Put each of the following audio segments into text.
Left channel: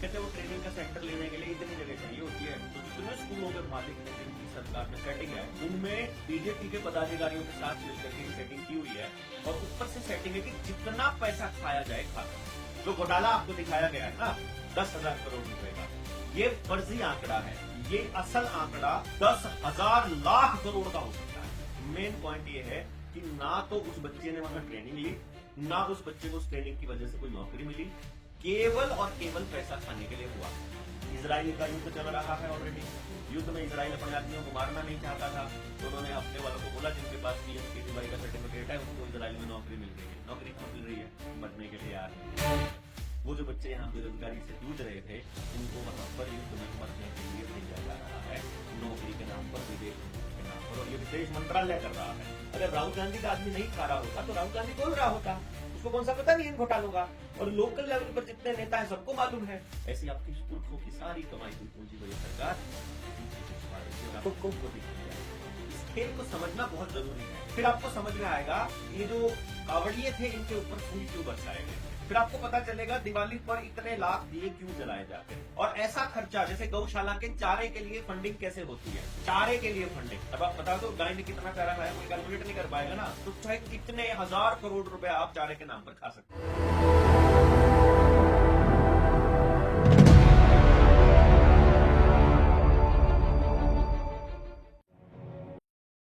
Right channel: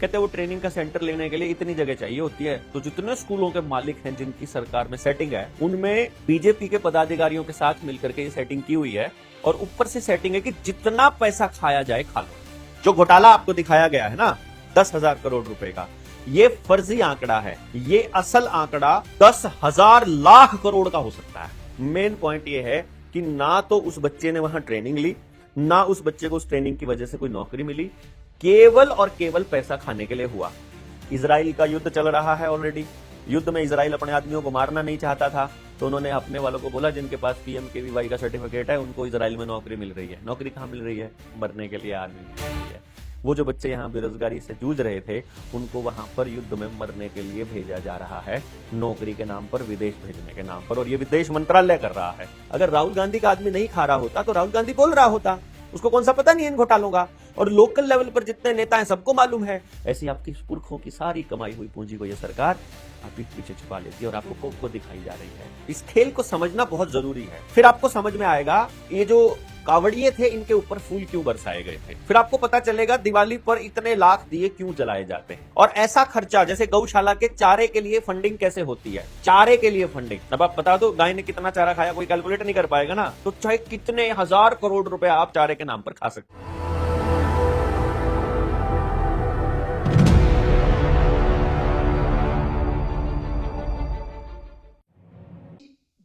कहते हैं वो ट्रेनिंग का सेंटर लेने के लिए इतनी जगह चाहिए होती है। तो जितने स्कूलों के मालिक हैं जिनकी सरकार में सेटिंग है, उनमें बीजेपी के पदाधिकारियों के साथ मिलकर के ये सेटिंग की हुई है। और ऊपर से सेटिंग है कि जितना पैसा खाया जाए खा लो। जो घोटाला आपको दिखाया गया है ना 10,000 करोड़ रुपए का, ये फर्जी आंकड़ा है। ये असल आंकड़ा 10,000 लाख करोड़ का हो सकता है। मेन पॉइंट ये है कि ना तो उस बच्चे ने वहां ट्रेनिंग ली, ना उस बच्चे को उस ट्रेनिंग की वजह से कोई नौकरी मिली, केवल और केवल पैसा खाने के लिए हुआ। इजराइल का युद्ध चल रहा है ऑलरेडी। युद्ध में इजराइल अपने आदमियों को मारना नहीं चाहता था, तो उन्होंने अपने वालों को बोला जिनके पास PMKVY का सर्टिफिकेट है उनको इजराइल में नौकरी मिल रही है। नौकरी कहां मिल रही है? मरने के लिए आदमी मिल रही है। वो जो बच्चे यहाँ बेरोजगारी से जूझ रहे थे, उनको वहां पर युद्ध में मरने के लिए भेजा जा रहा है, नौकरी के नाम पर, विदेश भेजने के नाम पर। और ये विदेश मंत्रालय कर रहा है। अगर राहुल गांधी का आदमी नहीं खा रहा होता तो राहुल गांधी बोल रहा होता, उसको कौन सा पता नहीं है इन घोटालों का। और लोकल लेवल पर जितने नेता हैं सबको मालूम है। ऐसी आपकी पुरखों की सारी कमाई हुई पूंजी को ये सरकार आपके पीछे छुपा लेती है और आपको खुद को दिखाई जा रही है। इस खेल को समझना बहुत जरूरी है। फिर आपको समझ में आएगा ये जो कावड़िए थे इनके ऊपर फूल क्यों बरसाए गए थे। फिर आपको पता चलेगा दिवाली पर इतने लाख दिए क्यों जलाए जाते हैं। और ऐसा खर्चा जैसे गौशाला के चारे के लिए फंडिंग कैसे होती है, चारे के लिए फंडिंग। अब आप बता दो गाय ने कितना चारा खाया, कोई कैलकुलेट नहीं कर पाएगा ना। तो चाहे कितने हजार करोड़ रुपए आप चारे के नाम पर खा सकते हैं।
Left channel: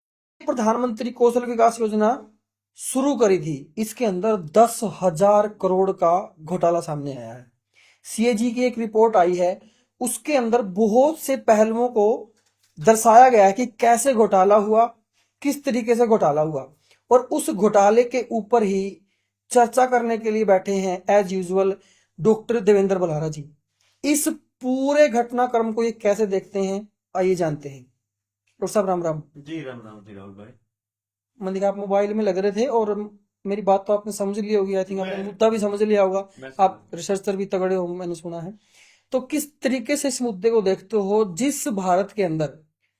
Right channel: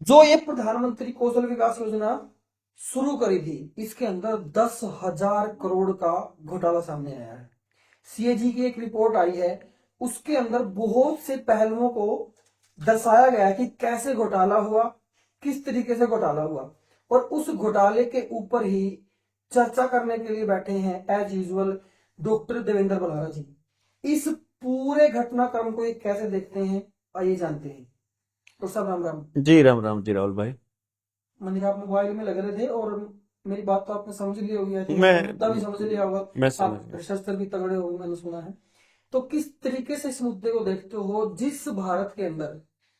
जो ये प्रधानमंत्री कौशल विकास योजना शुरू करी थी, इसके अंदर 10,000 करोड़ का घोटाला सामने आया है। CAG की एक रिपोर्ट आई है, उसके अंदर बहुत से पहलुओं को दर्शाया गया है कि कैसे घोटाला हुआ, किस तरीके से घोटाला हुआ। और उस घोटाले के ऊपर ही चर्चा करने के लिए बैठे हैं as usual doctor Devendra Balara ji. इस पूरे घटनाक्रम को ये कैसे देखते हैं, आइए जानते हैं। डॉक्टर साहब राम राम। जी राम जी राहुल भाई। मैंने देखा आप मोबाइल में लग रहे थे और मेरी बात तो आपने समझ ली होगी। आई थिंक आपने मैं मुद्दा भी समझ लिया होगा। मैं समझ आप गया। रिसर्चर भी तगड़े हो मैंने सुना है। तो किस तरीके से इस मुद्दे को देखते हो, जिस भारत के अंदर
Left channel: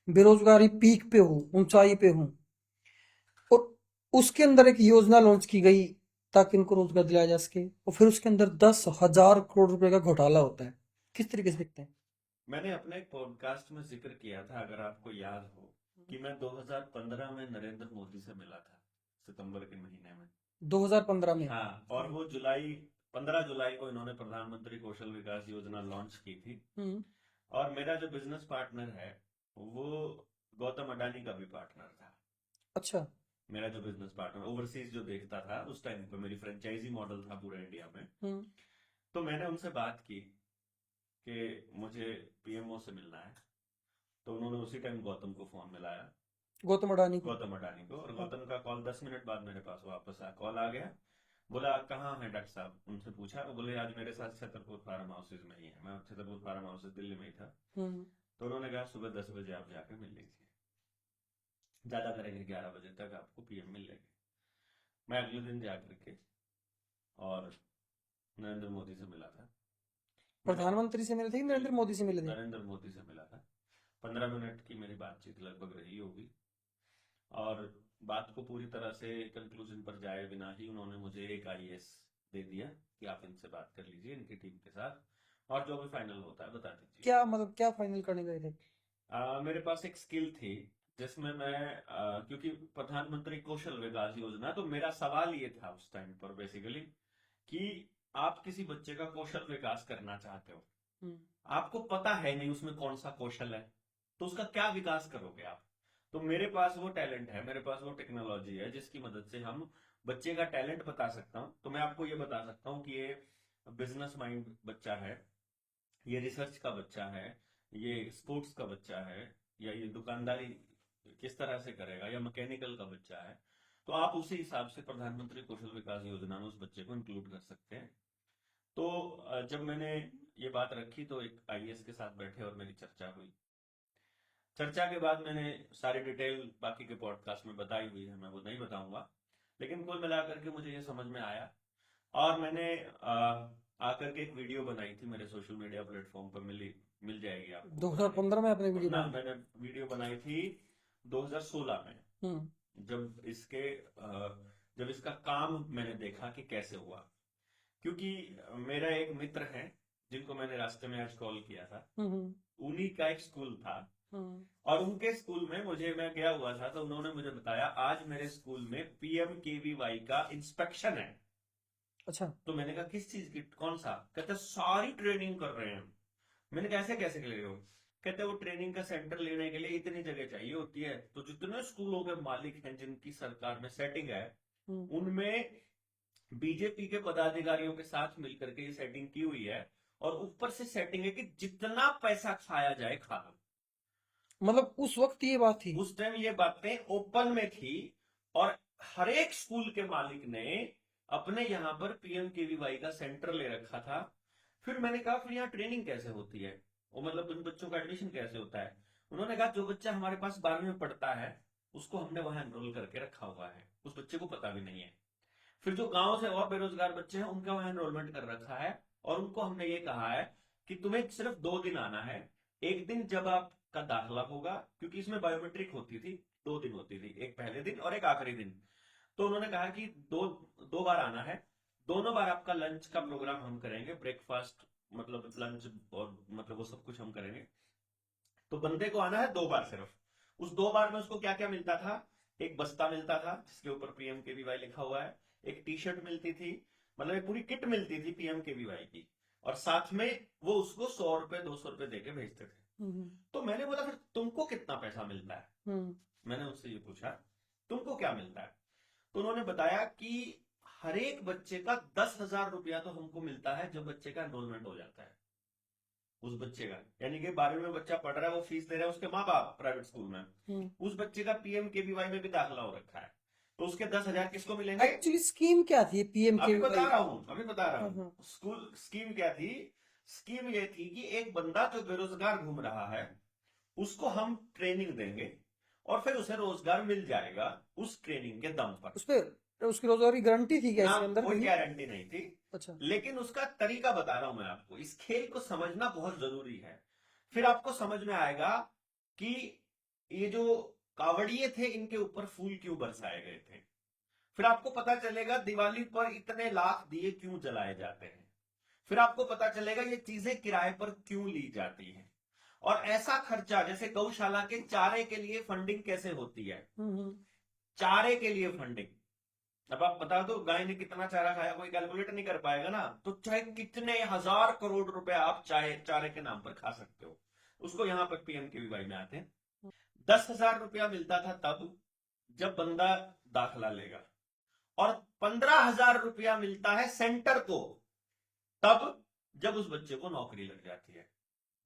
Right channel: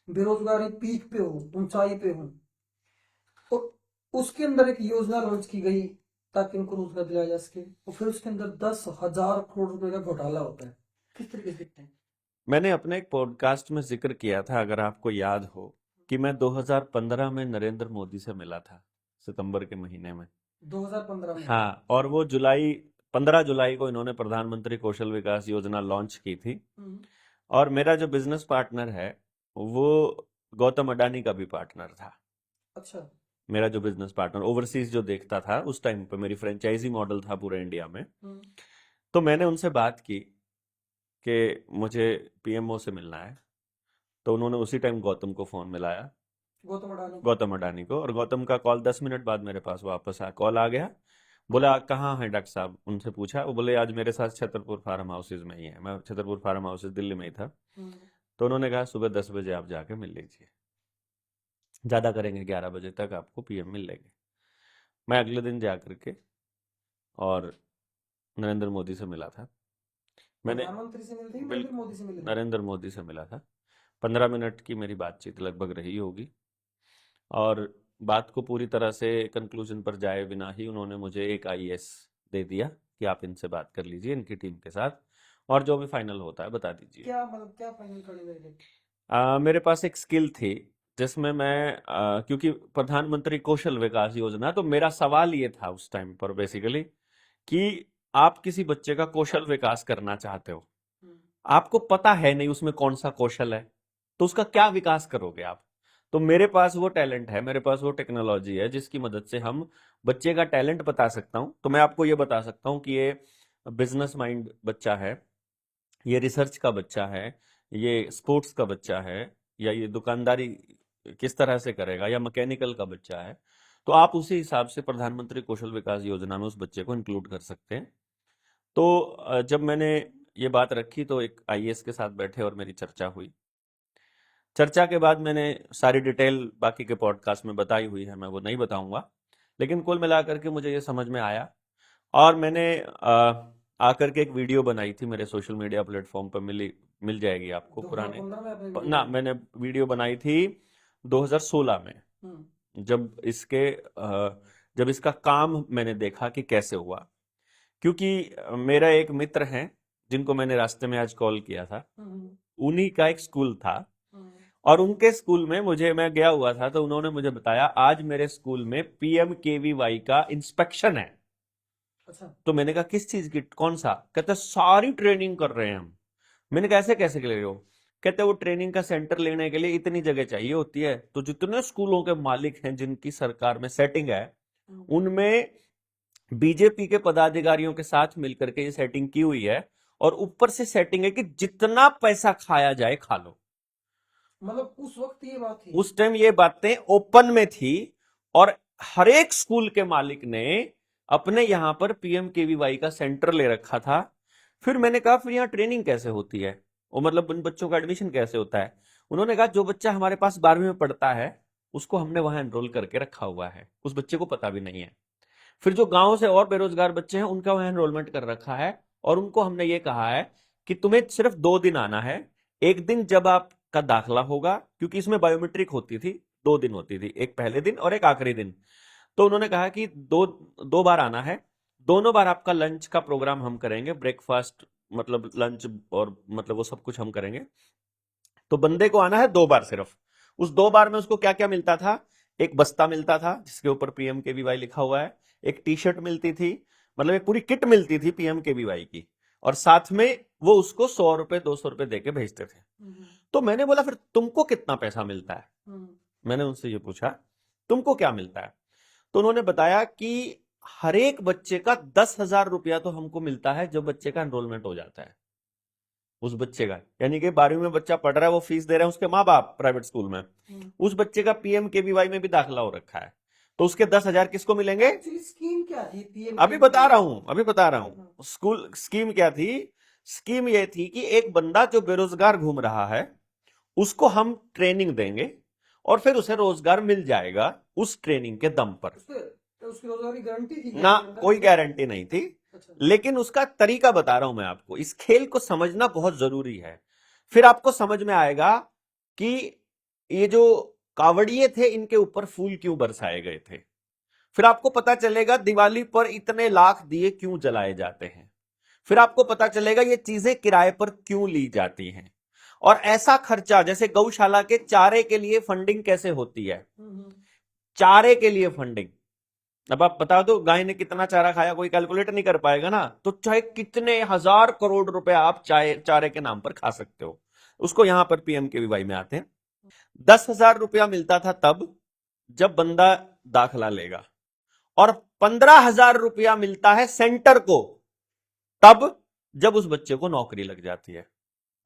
बेरोजगारी पीक पे हो, ऊंचाई पे हो, और उसके अंदर एक योजना लॉन्च की गई ताकि उनको रोजगार दिलाया जा सके, और फिर उसके अंदर 10,000 करोड़ रुपए का घोटाला होता है। किस तरीके से देखते हैं? मैंने अपने एक पॉडकास्ट में जिक्र किया था, अगर आपको याद हो, कि मैं 2015 में नरेंद्र मोदी से मिला था, सितंबर के महीने में। 2015 में? हाँ, और वो 15 जुलाई को इन्होंने प्रधानमंत्री कौशल विकास योजना लॉन्च की थी। हम्म। और मेरा जो बिजनेस पार्टनर है वो गौतम अडानी का भी पार्टनर था। अच्छा। मेरा जो बिजनेस पार्टनर ओवरसीज जो देखता था उस टाइम पे, मेरी फ्रेंचाइजी मॉडल था पूरे इंडिया में। हम्म। तो मैंने उनसे बात की कि मुझे PMO से मिलना है। तो उन्होंने उसी टाइम गौतम को फोन मिलाया, गौतम अडानी को? गौतम अडानी को। और गौतम का कॉल 10 मिनट बाद मेरे पास वापस कॉल आ गया। बोला कहाँ है डॉक्टर साहब? उनसे पूछा, वो बोले आज मेरे साथ छतरपुर फार्म हाउसेज में ही है। मैं छतरपुर फार्म हाउसेज दिल्ली में ही था। हम्म। तो उन्होंने कहा सुबह 10 बजे आप जाके मिल लीजिए, ज़्यादा करेंगे 11 बजे तक आपको PM मिल लेंगे। मैं अगले दिन जा करके और नरेंद्र मोदी से मिला था। मैंने प्रधानमंत्री से मिले थे कि नरेंद्र बिल्कुल मोदी से मिले थे? नरेंद्र मोदी से मिला था। 15 मिनट की मेरी बातचीत लगभग रही होगी। और बात को पूरी तरह से कंक्लूजन पर जाए बिना ही उन्होंने मुझे एक IAS दे दिया कि आप इनसे बात कर लीजिए, इनकी टीम के साथ, और जो भी फाइनल होता है बता दीजिए। क्या मतलब, क्या फाइनल करने गए थे? मेरे पास एक स्किल थी जिसमें मैं क्योंकि प्रधानमंत्री कौशल विकास योजना, तो मेरा सवाल ये था उस टाइम पर बेसिकली कि आप किसी बच्चे का कौशल विकास करना चाहते हो, हम्म। आपको पता है नहीं उसमें कौन सा कौशल है, तो उसका क्या विकास करोगे आप? तो मेरे पास वो टैलेंट है, मेरे पास वो टेक्नोलॉजी है जिसकी मदद से हम बच्चे का टैलेंट बता सकता हूं। तो मैं आपको ये बता सकता हूं कि ये बिजनेस माइंड बच्चा है, ये रिसर्च का बच्चा है, ये स्पोर्ट्स का बच्चा है, या ये दुकानदारी किस तरह से करेगा, या मैकेनिकल का बच्चा है। तो आप उसी हिसाब से प्रधानमंत्री कौशल विकास योजना में उस बच्चे को इंक्लूड कर सकते हैं। तो जब मैंने ये बात रखी तो एक IAS के साथ बैठे और मेरी चर्चा हुई। चर्चा के बाद मैंने सारी डिटेल बाकी के पॉडकास्ट में बताई हुई है, मैं वो नहीं बताऊंगा। लेकिन कुल मिलाकर के मुझे ये समझ में आया, और मैंने आकर के एक वीडियो बनाई थी, मेरे सोशल मीडिया प्लेटफॉर्म पर मिल जाएगी आपको पुराने। 2015 में आपने वीडियो ना, बनाई? मैंने वीडियो बनाई थी 2016 में, हम्म। जब जब इसका काम मैंने देखा कि कैसे हुआ। क्योंकि मेरा एक मित्र है जिनको मैंने रास्ते में आज कॉल किया था, हम्म, उन्हीं का एक स्कूल था। हम्म, और उनके स्कूल में मैं गया हुआ था, तो उन्होंने मुझे बताया आज मेरे स्कूल में पीएमकेवीवाई का इंस्पेक्शन है। अच्छा। तो मैंने कहा किस चीज की, कौन सा? कहते सारी ट्रेनिंग कर रहे हैं हम। मैंने कहा ऐसे कैसे ले रहे हो? कहते वो ट्रेनिंग का सेंटर लेने के लिए इतनी जगह चाहिए होती है, तो जितने स्कूलों के मालिक हैं जिनकी सरकार में सेटिंग है, हम्म, उनमें बीजेपी के पदाधिकारियों के साथ मिलकर के ये सेटिंग की हुई है। और ऊपर से सेटिंग है कि जितना पैसा खाया जाए खा लो। मतलब उस वक्त ये बात थी। उस टाइम ये बातें ओपन में थी। और हर एक स्कूल के मालिक ने अपने यहां पर पीएमकेवीवाई का सेंटर ले रखा था। फिर मैंने कहा फिर यहाँ ट्रेनिंग कैसे होती है, वो मतलब उन बच्चों का एडमिशन कैसे होता है? उन्होंने कहा जो बच्चा हमारे पास 12वीं में पढ़ता है उसको हमने वहां एनरोल करके रखा हुआ है, उस बच्चे को पता भी नहीं है। फिर जो गांव से और बेरोजगार बच्चे हैं उनका वहां एनरोलमेंट कर रखा है, और उनको हमने ये कहा है कि तुम्हें सिर्फ 2 दिन आना है। एक दिन जब आपका दाखला होगा, क्योंकि इसमें बायोमेट्रिक होती थी, 2 दिन होती थी, एक पहले दिन और एक आखिरी दिन। तो उन्होंने कहा कि दो दो बार आना है। दोनों बार आपका लंच का प्रोग्राम हम करेंगे, ब्रेकफास्ट मतलब लंच और मतलब वो सब कुछ हम करेंगे। तो बंदे को आना है 2 बार सिर्फ। उस 2 बार में उसको क्या क्या मिलता था? एक बस्ता मिलता था जिसके ऊपर पीएमकेवीवाई लिखा हुआ है, एक टी शर्ट मिलती थी, मतलब एक पूरी किट मिलती थी पीएमकेवीवाई की, और साथ में वो उसको 100 रुपए 200 रुपए दे के भेजते थे। हम्म, तो मैंने बोला फिर तुमको कितना पैसा मिलता है? हम्म, मैंने उनसे ये पूछा तुमको क्या मिलता है? तो उन्होंने बताया कि हर एक बच्चे का 10,000 रुपया तो हमको मिलता है जो बच्चे का एनरोलमेंट हो जाता है। उस बच्चे का, यानी कि 12वीं में बच्चा पढ़ रहा है, वो फीस दे रहे हैं उसके माँ बाप प्राइवेट स्कूल में, हम्म। उस बच्चे का पीएमकेवीवाई में भी दाखिला हो रखा है, तो उसके 10,000 किसको मिलेंगे? एक्चुअली स्कीम क्या थी पीएम अभी बता रहा हूं, अभी बता रहा हम्म, हूं। स्कूल स्कीम क्या थी? स्कीम ये थी कि एक बंदा जो बेरोजगार घूम रहा है उसको हम ट्रेनिंग देंगे, और फिर उसे रोजगार मिल जाएगा उस ट्रेनिंग के दम पर। उस पे उसकी रोजगार की गारंटी थी क्या ना, इसके अंदर कोई की? गारंटी नहीं थी। अच्छा। लेकिन उसका तरीका बता रहा हूं मैं आपको, इस खेल को समझना बहुत जरूरी है। फिर आपको समझ में आएगा कि ये जो कावड़िए थे इनके ऊपर फूल क्यों बरसाए गए थे। फिर आपको पता चलेगा दिवाली पर इतने लाख दिए क्यों जलाए जाते हैं। फिर आपको पता चलेगा ये चीजें किराए पर क्यों ली जाती हैं। और ऐसा खर्चा जैसे गौशाला के चारे के लिए फंडिंग कैसे होती है, चारे के लिए फंडिंग। अब आप बता दो गाय ने कितना चारा खाया, कोई कैलकुलेट नहीं कर पाएगा ना, तो चाहे कितने हजार करोड़ रुपए आप चारे के नाम पर खा सकते हो। उसको यहां पर पीएमकेवीवाई में आते हैं। 10,000 रुपया मिलता था तब जब बंदा दाखला लेगा, और 15,000 रुपया मिलता है सेंटर को तब जब उस बच्चे को नौकरी लग जाती है।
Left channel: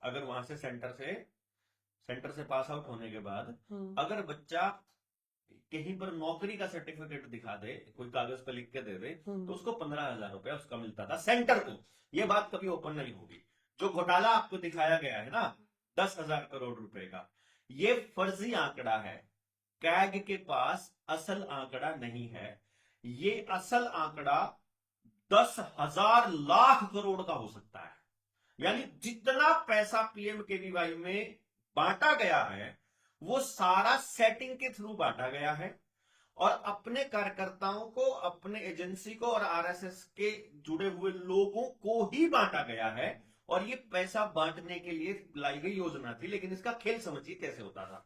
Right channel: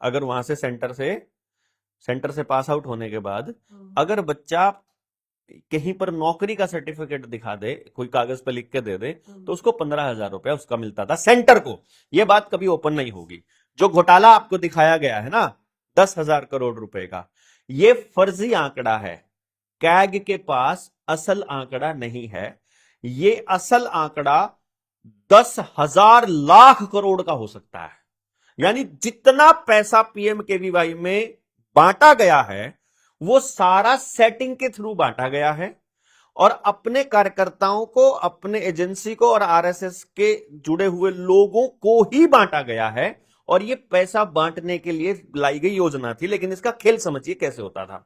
अगर वहां से सेंटर से पास आउट होने के बाद अगर बच्चा कहीं पर नौकरी का सर्टिफिकेट दिखा दे, कोई कागज पे लिख के दे दे, तो उसको 15,000 रुपया उसका मिलता था सेंटर को। यह बात कभी ओपन नहीं होगी। जो घोटाला आपको दिखाया गया है ना 10,000 करोड़ रुपए का, यह फर्जी आंकड़ा है। कैग के पास असल आंकड़ा नहीं है। ये असल आंकड़ा 10,000 लाख करोड़ का हो सकता है। यानी जितना पैसा पीएमकेवीवाई में बांटा गया है वो सारा सेटिंग के थ्रू बांटा गया है, और अपने कार्यकर्ताओं को, अपने एजेंसी को और आरएसएस के जुड़े हुए लोगों को ही बांटा गया है। और ये पैसा बांटने के लिए लाई गई योजना थी, लेकिन इसका खेल समझिए कैसे होता था।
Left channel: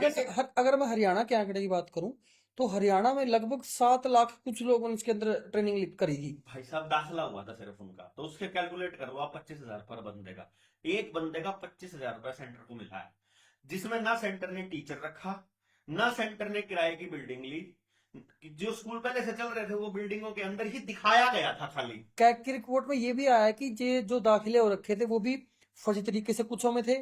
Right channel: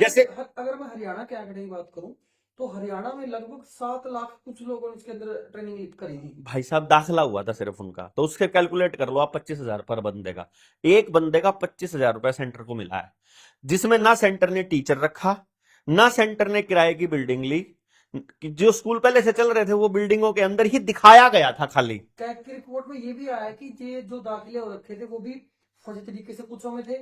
जैसे अगर मैं हरियाणा के आंकड़े की बात करूं तो हरियाणा में लगभग 7 लाख कुछ लोगों ने इसके अंदर ट्रेनिंग करी थी। भाई साहब दाखिला हुआ था सिर्फ उनका, तो उसके कैलकुलेट कर लो आप 25,000 पर बंदे का। एक बंदे का 25,000 रुपया सेंटर को मिला है, जिसमें ना सेंटर ने टीचर रखा, ना सेंटर ने किराए की बिल्डिंग ली। जो स्कूल पहले से चल रहे थे वो बिल्डिंगों के अंदर ही दिखाया गया था खाली। कैग की रिपोर्ट में ये भी आया कि ये जो दाखिले हो रखे थे वो भी फर्जी तरीके से कुछों में थे,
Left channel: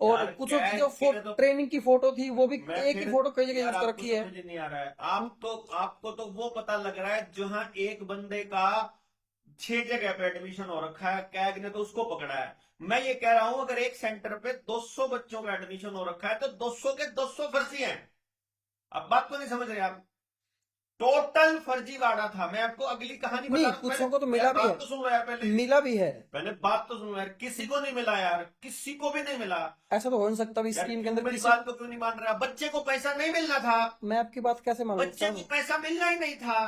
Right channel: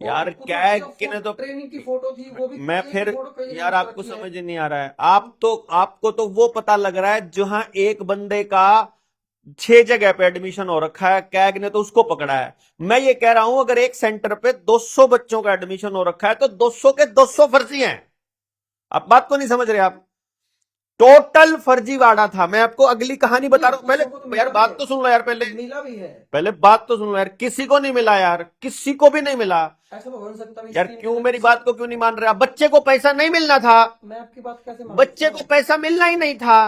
और यार कुछ कैग जो की ने तो, ट्रेनिंग की फोटो थी वो भी मैं एक फिर, ही फोटो कई जगह यार यूज कर आपको रखी है। समझ नहीं आ रहा है। आपको तो वो पता लग रहा है जहां एक बंदे का 6 जगह पे एडमिशन हो रखा है, कैग ने तो उसको पकड़ा है। मैं ये कह रहा हूं अगर एक सेंटर पे 200 बच्चों का एडमिशन हो रखा है तो 200 के 200 फर्जी हैं। आप बात को नहीं समझ रहे आप, टोटल फर्जीवाड़ा था। मैं आपको अगली कहानी बता रहा हूं, पहले को तो यार मिला भी बात है, तो सुन लो यार, पहले मिला भी है। पहले बात तो सुन लो यार। किसी को नहीं मिला यार, किसी को भी नहीं मिला। ऐसा तो हो नहीं सकता भी यार स्कीम के क्यों अंदर मेरी किसी- बात को क्यों नहीं मान रहे आप? बच्चे को पैसा नहीं मिलना था, मैं आपकी बात कैसे मान बच्चे सकता को हूँ? पैसा मिलना ही नहीं था।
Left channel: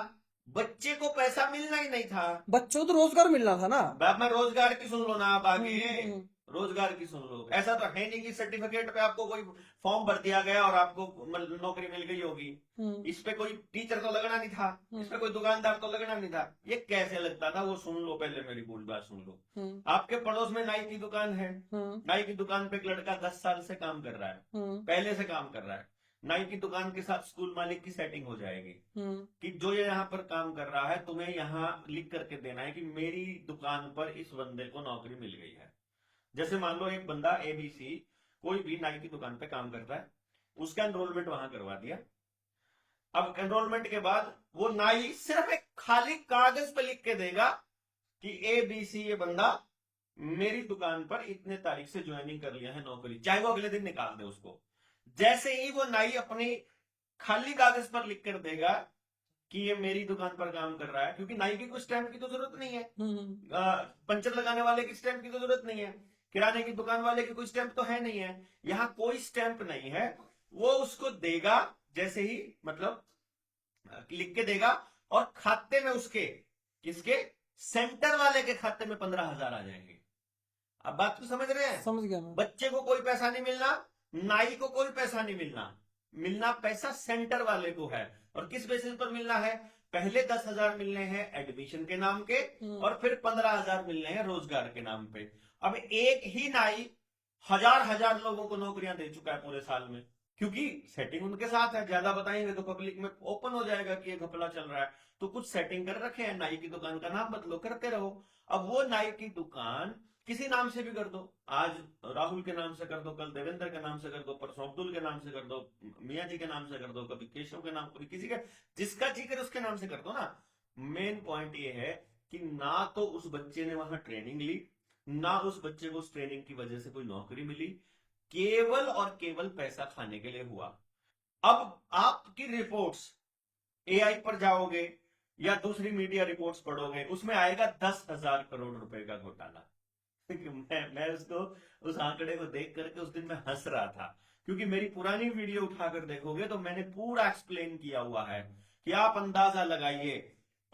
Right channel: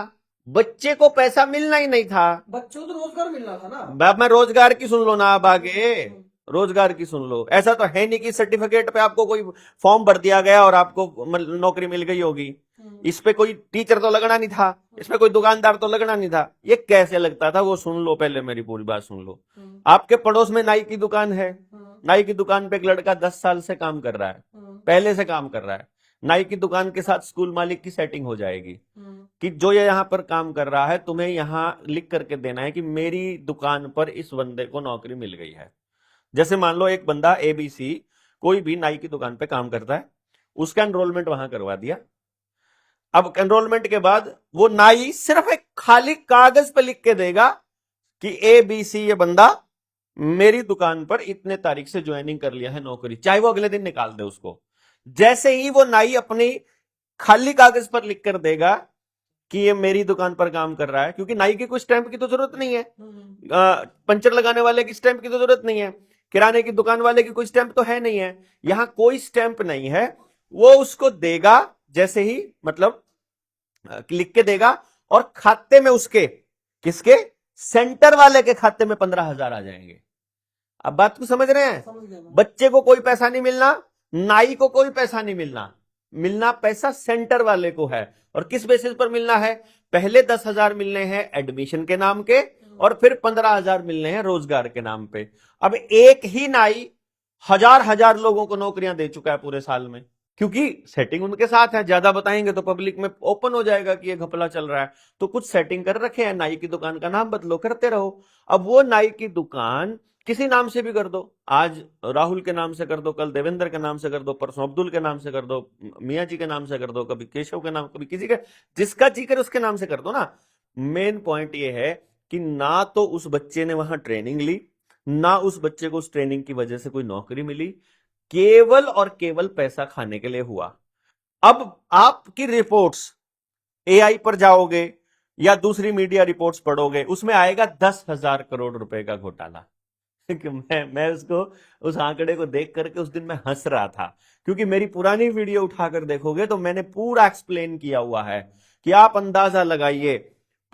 बच्चे को पैसा मिलना ही नहीं था। बच्चों को तो रोजगार मिलना था ना। अब मैं रोजगार की सुन लो ना, अब आगे हम्म, रोजगार की सुन लो। ऐसा तो है नहीं कि सर्टिफिकेट पे आपको कोई फॉर्म भर दिया गया और आपको नौकरी मिल गई होगी। हम्म, इस पे कोई टीचर तो लगना नहीं था, इस पे कोई दुकानदार तो लगना नहीं था। ये कैसे लगता था वो सुन लो, पहले मेरी पूरी बात सुन लो। हम्म, आपके पड़ोस में नाई की दुकान है, हम्म, नाई की दुकान पे एक लड़का 10 साल से काम कर रहा है, हम्म, पहले से काम कर रहा है। नाई की दुकान के साथ स्कूल मालिक की सेटिंग हो जाएगी हम्म, कि जो ये यहाँ पर काम कर रहा है तुम्हें यहाँ लिख करके देना है कि मेरी दुकान पर इस बंदे को नौकरी मिल गई है। जैसे मान लो एक बंदा ABC कोई भी नाई की दुकान पे काम करता है, उसका एनरोलमेंट वहां करवा दिया। अब एनरोलमेंट के बाद वो नाई सिर्फ एक खाली कागज पे लिख के देगा कि ABC ये बंदा मेरी दुकान पर इतने तारीख से ज्वाइनिंग कर लिया है नौकरी, चाहे वो अगले दिन निकाल दे उसको। जैसे ही वो नाई अपनी खाली कागज पर लिख कर देगा कि ये मेरी दुकान पर काम कर रहा है, क्योंकि नाई की कोई स्टैंप की तो जरूरत नहीं है, पंचर लगाने वाले की स्टैंप की तो जरूरत नहीं है, किराने की दुकान वाले की कोई स्टैंप तो है नहीं है, यहां कोई स्टैंप नहीं है। वो उसको देगा जैसे ही, मतलब लिख के देगा, और खाते में उसके, किसके, सेंटर वाले के खाते में 15,000 आ जाएंगे। अब बात को समझ रहे हैं? समझ गया मैं। बच्चे को कोई पैसा नहीं मिलना, नाई को कोई पैसा नहीं मिलना, मिलना पैसा सेंटर वाले को है। और किस बेसिस पर मिलना है? पहले 10,000 मिलने हैं एडमिशन के नाम के, और फिर 15,000 मिलने हैं रोजगार के नाम पे। अब एक ही नाई हजार हजार लोगों को नौकरियां दे चुका है पूरे साल में, क्योंकि सेटिंग उनके साथ है। ज्यादा बताएंगे तो पब्लिक में ओपन हो जाएगा कि ये घपला चल रहा है, तो कुछ सेटिंग कर रखे हैं, नाई की दुकान का नाम बदलो, करते रहो। अब वो नाई की दुकान किसी नाम से भी कर दो, आज राहुल के नाम से कर दो, कल देवेंद्र के नाम से कर दो, परसों अब्दुल के नाम से कर दो, मियाँ जी के नाम से कर दो, कभी केशव के नाम, कभी किसी के, जिसका जी करे उसके नाम से कर दो ना। मेन पॉइंट ये है कि ना तो उस बच्चे ने वहां ट्रेनिंग ली, ना उस बच्चे को उस ट्रेनिंग की वजह से कोई नौकरी मिली, केवल और केवल पैसा खाने के लिए हुआ। अब आपकी रिपोर्ट्स AI पर जाओगे या दूसरी मीडिया रिपोर्ट्स पढ़ोगे, उसमें आएगा 10,000 करोड़ रुपए का घोटाला। कि मैं उसको, उस आंकड़े को देख करके उस दिन मैं हंस रहा था, क्योंकि मेरी पुरानी वीडियो उठाकर देखोगे तो मैंने पूरा एक्सप्लेन किया हुआ है कि आप अंदाजा लगाइए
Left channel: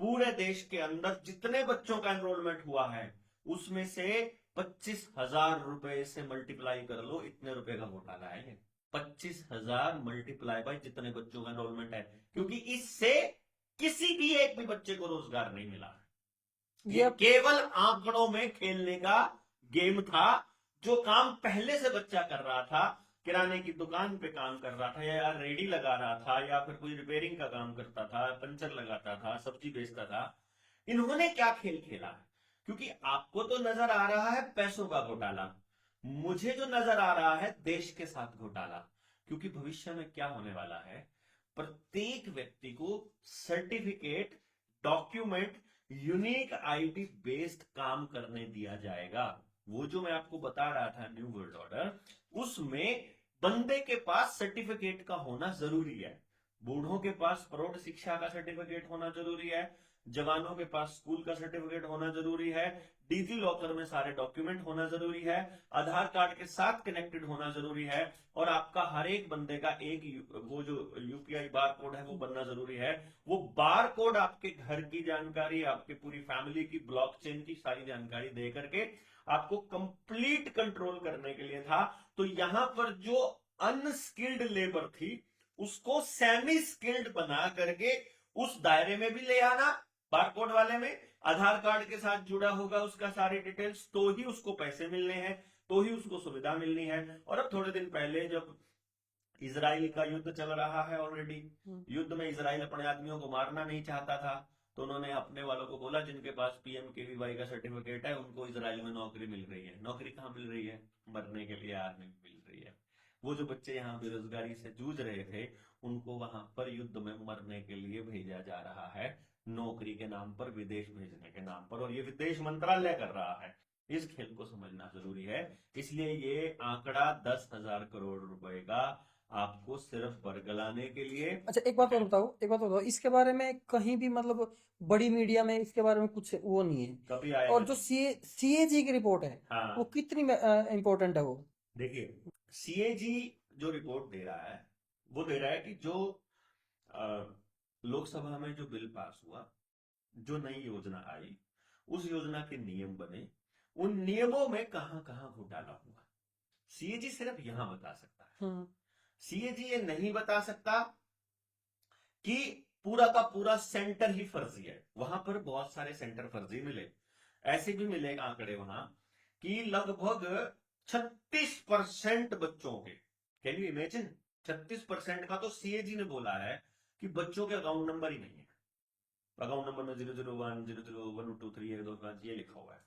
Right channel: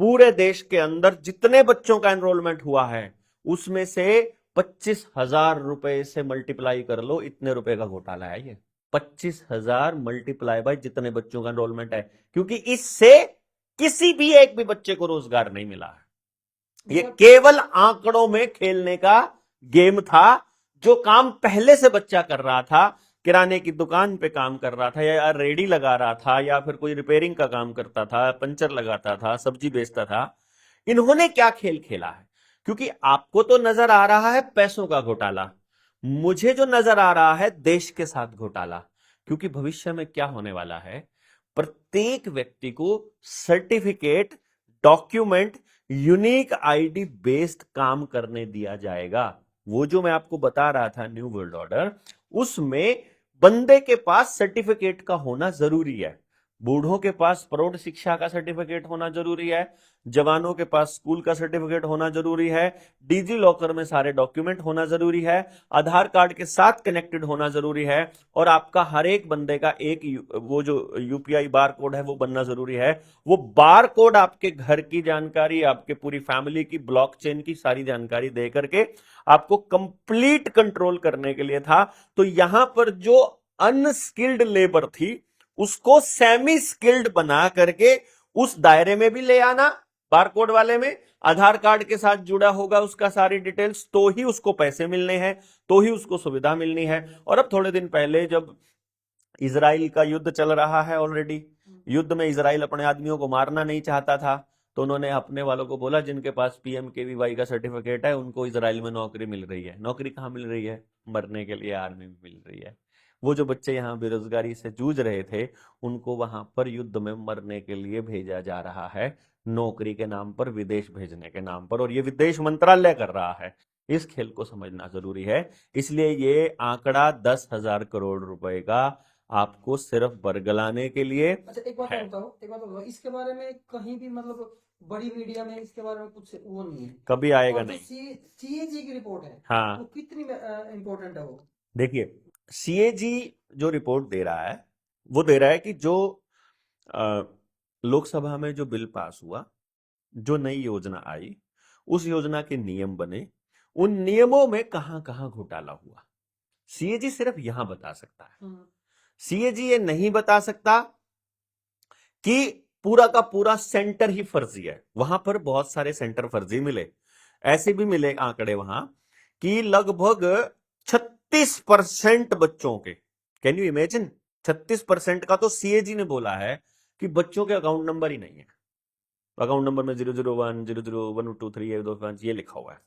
पूरे देश के अंदर जितने बच्चों का एनरोलमेंट हुआ है उसमें से 25,000 रुपए से मल्टीप्लाई कर लो, इतने रुपए का घोटाला है ये। 25,000 मल्टीप्लाई बाय जितने बच्चों का एनरोलमेंट है, क्योंकि इससे किसी भी एक भी बच्चे को रोजगार नहीं मिला है। ये केवल आंकड़ों में खेलने का गेम था। जो काम पहले से बच्चा कर रहा था, किराने की दुकान पे काम कर रहा था, या रेडी लगा रहा था, या फिर कोई रिपेयरिंग का काम करता था, पंचर लगाता था, सब्जी बेचता था, इन्होंने क्या खेल खेला है? क्योंकि आपको तो नजर आ रहा है पैसों का घोटाला, मुझे जो नजर आ रहा है देश के साथ घोटाला। क्योंकि भविष्य में क्या होने वाला है, प्रत्येक व्यक्ति को certificate, document, unique ID based काम करने दिया जाएगा। वो जो मैं आपको बता रहा था न्यू वर्ल्ड ऑर्डर, उसमें बंदे के पास सर्टिफिकेट का होना जरूरी है। बूढ़ों के पास प्रौढ़ शिक्षा का सर्टिफिकेट होना जरूरी है, जवानों के पास स्कूल का सर्टिफिकेट होना जरूरी है, डिजी लॉकर में सारे डॉक्यूमेंट होना जरूरी है, आधार कार्ड के साथ कनेक्टेड होना जरूरी है, और आपका हर एक बंदे का एक वो जो UPI बार कोड है वो बनना जरूरी है। वो बार कोड आपके घर की जानकारी, आपके पूरी फैमिली की, ब्लॉकचेन की सारी जानकारी दे करके आपको कंप्लीट कंट्रोल करने के लिए था। तो यहां पर जो अनस्किल्ड लेबर थी उसको सेमी स्किल्ड बना करके उस दायरे में भी ले आना, बारकोड वाले में आधार कार्ड के साथ जुड़ा होगा उसका सारी डिटेल्स, तो ही उसको पैसे मिलने हैं, तो ही उसको सुविधा मिलनी है। और अब थोड़े दिन पहले जब इजराइल का युद्ध चल रहा है ऑलरेडी, युद्ध में इजराइल अपने आदमियों को मारना नहीं चाहता था, तो उन्होंने अपने वालों को बोला जिनके पास PMKVY का सर्टिफिकेट है उनको इजराइल में नौकरी मिल रही है। नौकरी कहां मिल रही है? मरने के लिए आर्मी में मिल रही है। वो जो बच्चे यहाँ बेरोजगारी से जूझ रहे थे उनको वहां पर युद्ध में मरने के लिए भेजा जा रहा है, नौकरी के नाम पर, विदेश भेजने के नाम पर, और ये विदेश मंत्रालय कर रहा है। इस खेल को समझना जरूरी है। इसलिए ये आंकड़ा 10,000 करोड़ रुपए का आपको सिर्फ बरगलाने के लिए अच्छा एक बात है। और बताओ, एक बात और बताओ, इसके बारे में कहीं भी मतलब बड़ी मीडिया में इसके बारे में कुछ वो नहीं है। कभी आएगा और जो नहीं। CAG की रिपोर्ट है वो हाँ, कितनी इंपॉर्टेंट है वो? देखिए, CAG जो रिपोर्ट दे रहा है वो दे रहा है कि जो अ, लोकसभा में जो बिल पास हुआ जो नई योजना आई, उस योजना के नियम बने, उन नियमों में कहां कहां घोटाला हुआ, सीएजी सिर्फ यहां बता सकता है। सीएजी ये नहीं बता सकता कि पूरा का पूरा सेंटर ही फर्जी है। वहां पर बहुत सारे सेंटर फर्जी मिले, ऐसे भी मिले आंकड़े वहां कि लगभग 36% बच्चों के, कैन यू इमेजिन, 36% का तो सीएजी ने बोला है कि बच्चों के अकाउंट नंबर ही नहीं है। अकाउंट नंबर में 001 00123 125 ये लिखा हुआ है।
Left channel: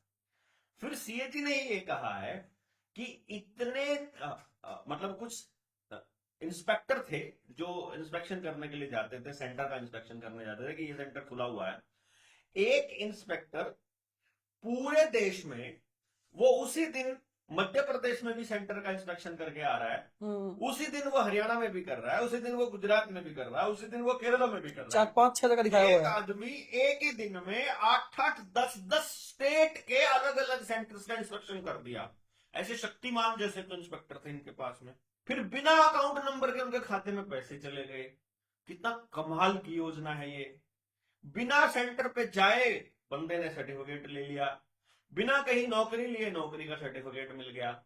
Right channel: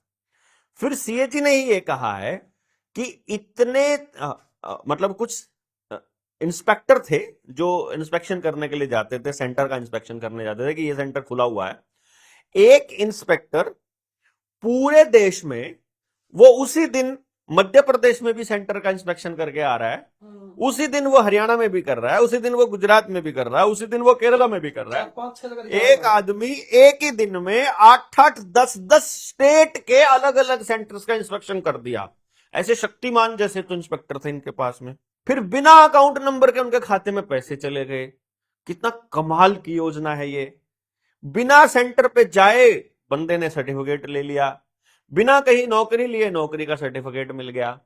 फिर सीएजी ने ही ये कहा है कि इतने मतलब कुछ इंस्पेक्टर थे जो इंस्पेक्शन करने के लिए जाते थे, सेंटर का इंस्पेक्शन करने जाते थे कि ये सेंटर खुला हुआ है। एक इंस्पेक्टर पूरे देश में, वो उसी दिन मध्य प्रदेश में भी सेंटर का इंस्पेक्शन करके आ रहा है, उसी दिन वो हरियाणा में भी कर रहा है, उसी दिन वो गुजरात में भी कर रहा है, उसी दिन वो केरला में भी कर रहा है। 4-5-6 जगह दिखाया एक हुआ है। आदमी एक ही दिन में 8-8 10-10 स्टेट के अलग अलग सेंटर्स का इंस्पेक्शन कर दिया। ऐसे शक्तिमान जैसे तो इंस्पेक्टर थे इनके पास में। फिर बिना अकाउंट नंबर के उनके खाते में पैसे चले गए। कितना कमाल की योजना है ये। बिना सेंटर पे जाए बंदे ने सर्टिफिकेट ले लिया, बिना कहीं नौकरी लिए नौकरी का सर्टिफिकेट मिल गया,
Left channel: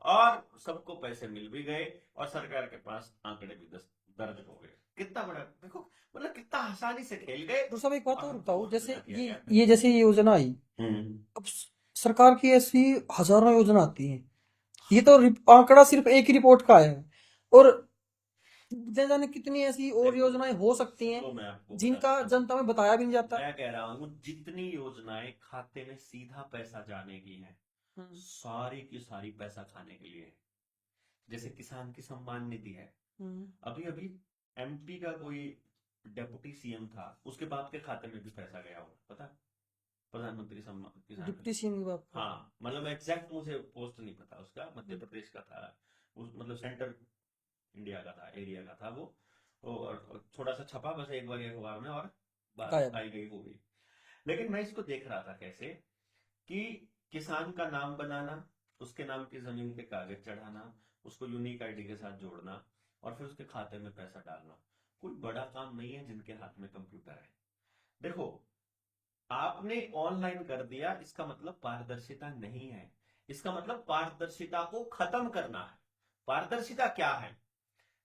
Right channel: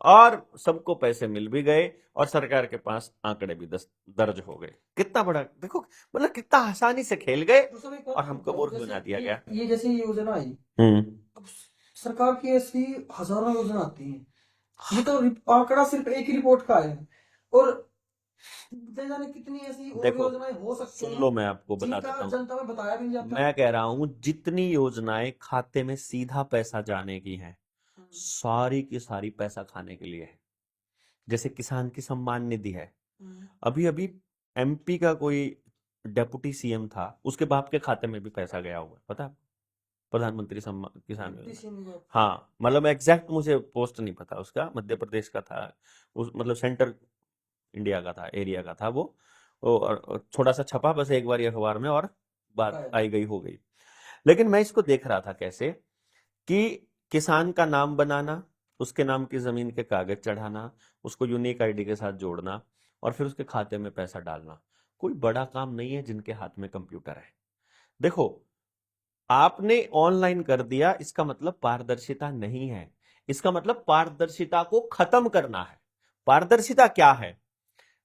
और सबको पैसे मिल भी गए, और सरकार के पास आंकड़े भी दर्ज हो गए। कितना बड़ा देखो, मतलब कितना आसानी से खेल गए तो सब एक बात और हमको बताओ, मूर्ख जैसे बना दिया गया। ये जैसे ये योजना आई, अब सरकार की ऐसी हजारों योजना आती हैं, ये तो आंकड़ा सिर्फ एक ही रिपोर्ट का है, और न जाने कितनी ऐसी और देखो, योजनाएं हो सकती सुन हैं लो, मैं आपको बता जिनका देता हूँ। जनता में बताया भी नहीं जाता। मैं कह रहा हूं जितनी योजनाएं खाते में सीधा पैसा जाने की हैं, सारी की सारी पैसा खाने के लिए है। जैसे किसान की सम्मान निधि है, अभी अभी एमपी का कोई डेप्यूटी सीएम था, उसके बाप के खाते में भी पैसा गया हुआ है, पता है? प्रधानमंत्री सम्मान किसान डिप्टी योजना। सीएम का। हाँ, मतलब एग्जैक्ट मुझे पोस्ट नहीं पता उसका, मध्य प्रदेश का था, उस मतलब सेंटर इंडिया का था, एरिया का था वो, और थोड़ा सा छपा बस एक बार अखबार में, और बात गायब। आई गई हो गई। लेकिन मैं इसको देख रहा था कैसे कि किसान का नाम बनाना, उसके नाम की जमीन के कागज चढ़ाना, उसको यूनिक आईडी के साथ जोड़ना, और फिर उसके खाते में पैसा डालना, कोई बड़ा काम नहीं है जिनके हाथ में कंप्यूटर है। देखो, आपने ऑनलाइन कर दिया, इसका मतलब पारदर्शिता नहीं है, इसका मतलब पारदर्शिता को खत्म करना है। पारदर्शिता क्या है?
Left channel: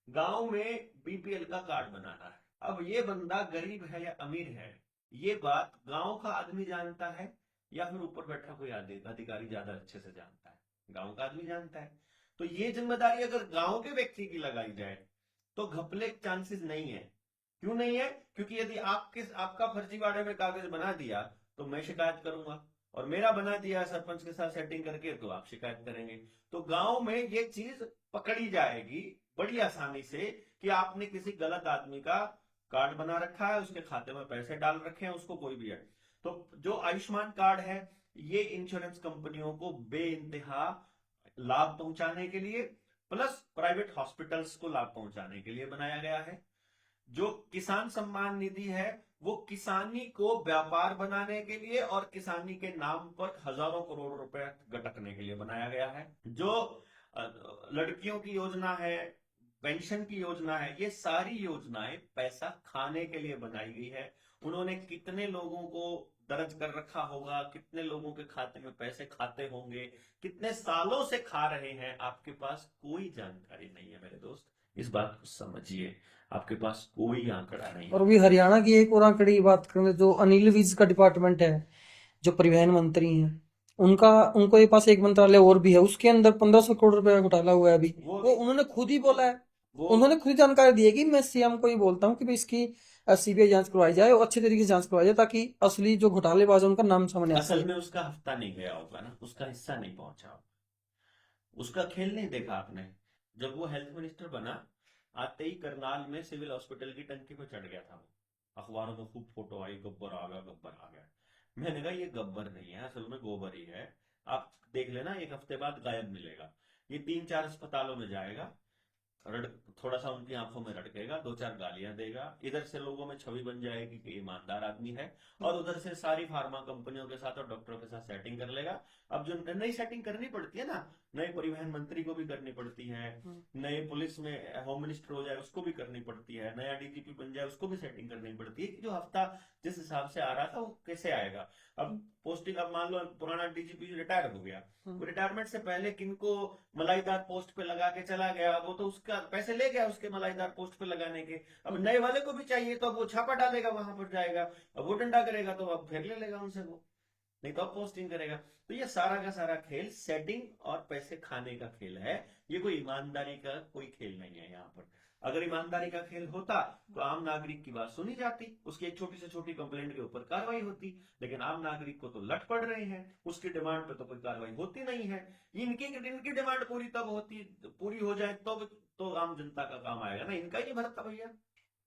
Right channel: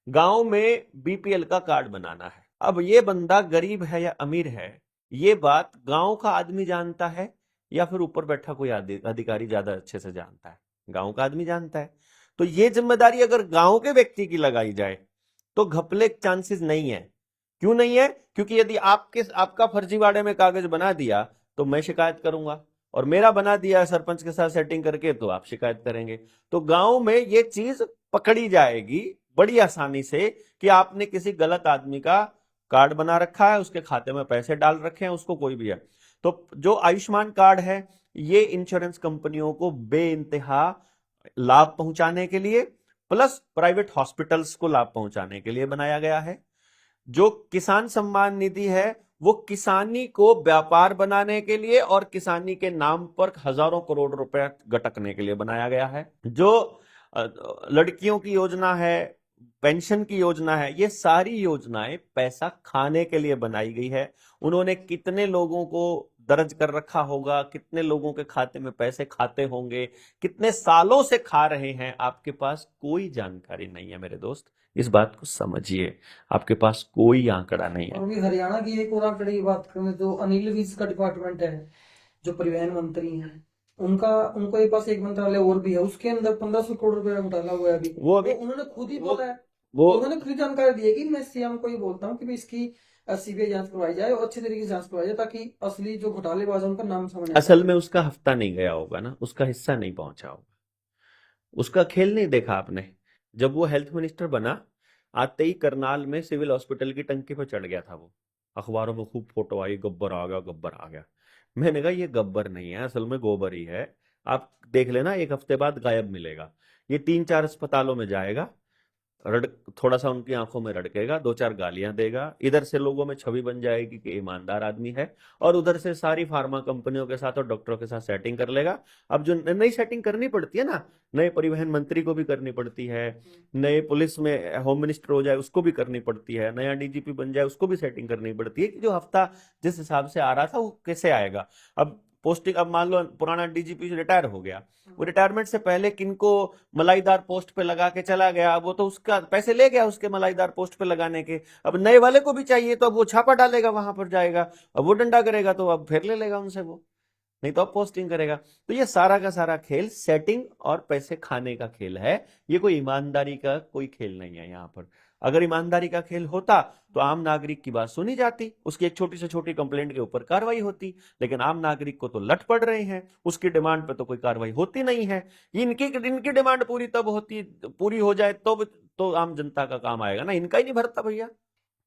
गांव में बीपीएल का कार्ड बनाना है। अब ये बंदा गरीब है या अमीर है, ये बात गांव का आदमी जानता है या फिर ऊपर बैठा कोई अधिकारी ज्यादा अच्छे से जानता है? गांव का आदमी जानता है। तो ये जिम्मेदारी अगर गांव के व्यक्ति की लगाई जाए तो घपले के चांसेस नहीं है। क्यों नहीं है? क्योंकि यदि आपका फर्जीवाड़े में कागज बना दिया तो मैं शिकायत करूंगा, और मेरा बना दिया सरपंच के साथ सेटिंग करके तो आप शिकायत करेंगे। तो गांव में ये चीज पकड़ी जाएगी बड़ी आसानी से कि आपने किसी गलत आदमी का कार्ड बना रखा है, उसके खाते में पैसे डाल रखे हैं, उसको कोई भी है। तो जो आयुष्मान कार्ड है, ये इंश्योरेंस कंपनियों को बेइंतहा लाभ पहुंचाने के लिए, प्लस प्राइवेट हॉस्पिटल्स को लाभ पहुंचाने के लिए बनाया गया है। जो किसान सम्मान निधि है, वो किसानी को व्यापार बनाने के लिए और किसानी के नाम पर हजारों करोड़ रुपए गटकने के लिए बनाया गया है। जो लड़कियों की योजना है, पेंशन की योजना है, ये सारी योजनाएं पैसा खाने के लिए बनाई गई है। उन्होंने कितने लोगों को दर्ज कर रखा होगा, कितने लोगों के खाते में पैसे खाते होंगे, कितने सालों से खा रहे हैं, आपके पास कोई जानकारी नहीं है मेरे दोस्त। इस बात को समझिए, आपके पास कोई आंकड़ा नहीं और है। भी हरियाणा की एक और आंकड़े की बात करें, जो अनिल विज का डिपार्टमेंट है, जो परिवहन मंत्री हैं, उनका उनको एक पास एक मंत्रालय और भी है, उसके अंदर 1500 करोड़ रुपए का घोटाला हुआ है अभी। वो उन्होंने खुद ही बोला है, वो उन्होंने खुद जानकारी दी है कि मैं सीएम को ही बोलता हूँ कि भाई इसकी सीबीआई जांच करवाई जाए और अच्छे तरीके से जांच करवाई जाए, ताकि असली जो घोटालेबाज है उनका नाम सामने आ असल सके। में उसका हफ्ता नहीं गया होगा ना, उसका हिस्सा नहीं पहुंचा होगा, उसका खेल नहीं देखा आपने। जब वो हेल्थ मिनिस्टर बना, आते ही करनाल में सिविल हॉस्पिटल की टंकी पर चढ़ गया था वो, अखबारों में खूब फोटो आई, गब्बर आ गया, गब्बर आ गया। मैंने कहा ये गब्बर नहीं है, असल में गोबर ही है। आप देख लेना, एक हफ्ते बाद गायब मिलेगा। ये 3-4 अस्पतालों में जाएगा, रड़ थोड़ा सा उनकी आंखों में रड़केगा, दो चार गालियां देगा, इधर से लोगों में छवि बन जाएगी कि ईमानदार आदमी है, और उधर से सारी फार्मा कंपनियों के साथ और डॉक्टरों के साथ सेटिंग कर लेगा। अब जो नई सेटिंग करनी पड़ती है ना, नए परिवहन मंत्री को भी करनी पड़ती है, नए पुलिस में होम मिनिस्टर हो जाए उसको भी करनी पड़ती है, नया डीजीपी बन जाए उसको भी सेटिंग करनी पड़ती है कि जो हफ्ता जिस हिसाब से आ रहा था वो कैसे आएगा। अब पोस्टिंग, अब मान लो पुराना डीजीपी रिटायर हो गया, वो रिटायरमेंट से पहले किनको मलाईदार पोस्ट पे लगा के चला गया, वो तो उसका पैसे ले गया उसके मलाईदार पोस्ट पे लगाने के। अब नए वाले को भी चाहिए तो अब वो छापा डालेगा, वहां पर जाएगा, अब वो डंडा करेगा तो अब फिर ले लेगा उनसे, वो नहीं तो अब पोस्टिंग करेगा। तो ये सारा का सारा खेल सेटिंग और पैसे खाने का खेल है, ये कोई ईमानदारी का कोई खेल नहीं है यहाँ पर। अगर ईमानदारी का खेल होता तो आम नागरिक की बात सुनी जाती, उसकी एक छोटी से छोटी कंप्लेंट के ऊपर कार्रवाई होती, लेकिन आम नागरिक को तो लट पड़ रहे हैं, उसकी डिमांड पे तो कोई कार्रवाई होती नहीं है। इनकी डिमांड पूरी तब होती, पूरी हो जाए तो आम जनता का काम आएगा ना, इनका ही नहीं भरता भैया।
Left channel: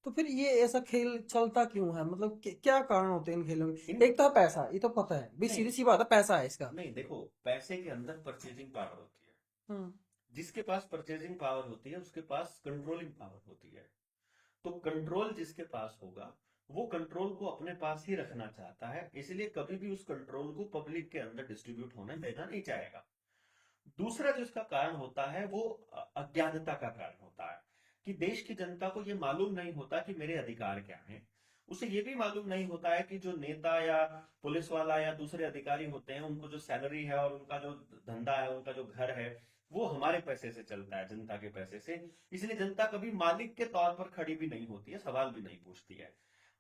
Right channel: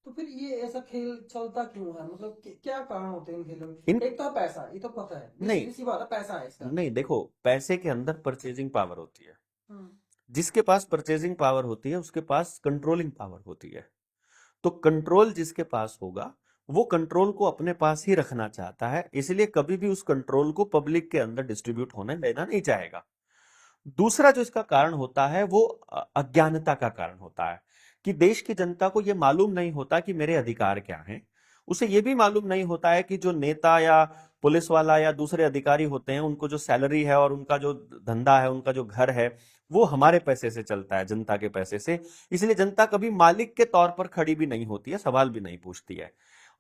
तो फिर ये ऐसा खेल चलता क्यों है? मतलब क्या कारण होते हैं इन खेलों में? इन एक तो है पैसा, ये तो पता है, भी नहीं सीधी सी बात है, पैसा है इसका। नहीं, देखो, पैसे के अंदर परचेजिंग पावर होती है, हम्म। जिसके पास परचेजिंग पावर होती है उसके पास कंट्रोलिंग पावर होती है। तो कंट्रोल जिसके पास होगा वो कंट्रोल को अपने पास ही रखना चाहता है, इसलिए कभी भी उस कंट्रोल को पब्लिक के अंदर डिस्ट्रीब्यूट होने देना नहीं चाहेगा। दूसरा जो इसका कारण होता है वो अज्ञानता का कारण होता है, कि देश की जनता को यह मालूम नहीं होता कि मेरे अधिकार क्या हैं। उसे यह भी मालूम नहीं होता है कि जो नेता या पुलिस वाला या दूसरे अधिकारी होते हैं उनको जो सैलरी है और उनका जो धंधा है, उनका जो घर है, वो हमारे पैसे से चलता है, जनता के पैसे से। इसलिए जनता कभी मालिक के तौर पर खड़ी भी नहीं होती है, सवाल भी नहीं पूछती है।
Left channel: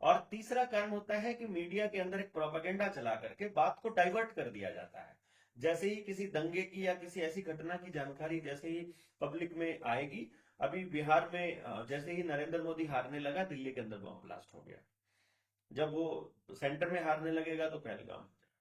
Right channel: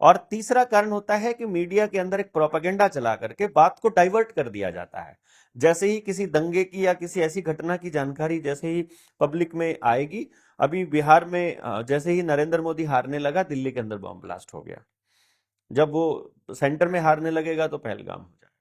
और तीसरा कारण होता है कि मीडिया के अंदर एक प्रोपेगेंडा चला करके बात को डाइवर्ट कर दिया जाता है। जैसे ही किसी दंगे की या किसी ऐसी घटना की जानकारी जैसे ही पब्लिक में आएगी, अभी बिहार में जैसे ही नरेंद्र मोदी हारने लगा, दिल्ली के अंदर बम ब्लास्ट हो गया। जब वो सेंटर में हारने लगेगा तो पहलगाम हो जाएगा,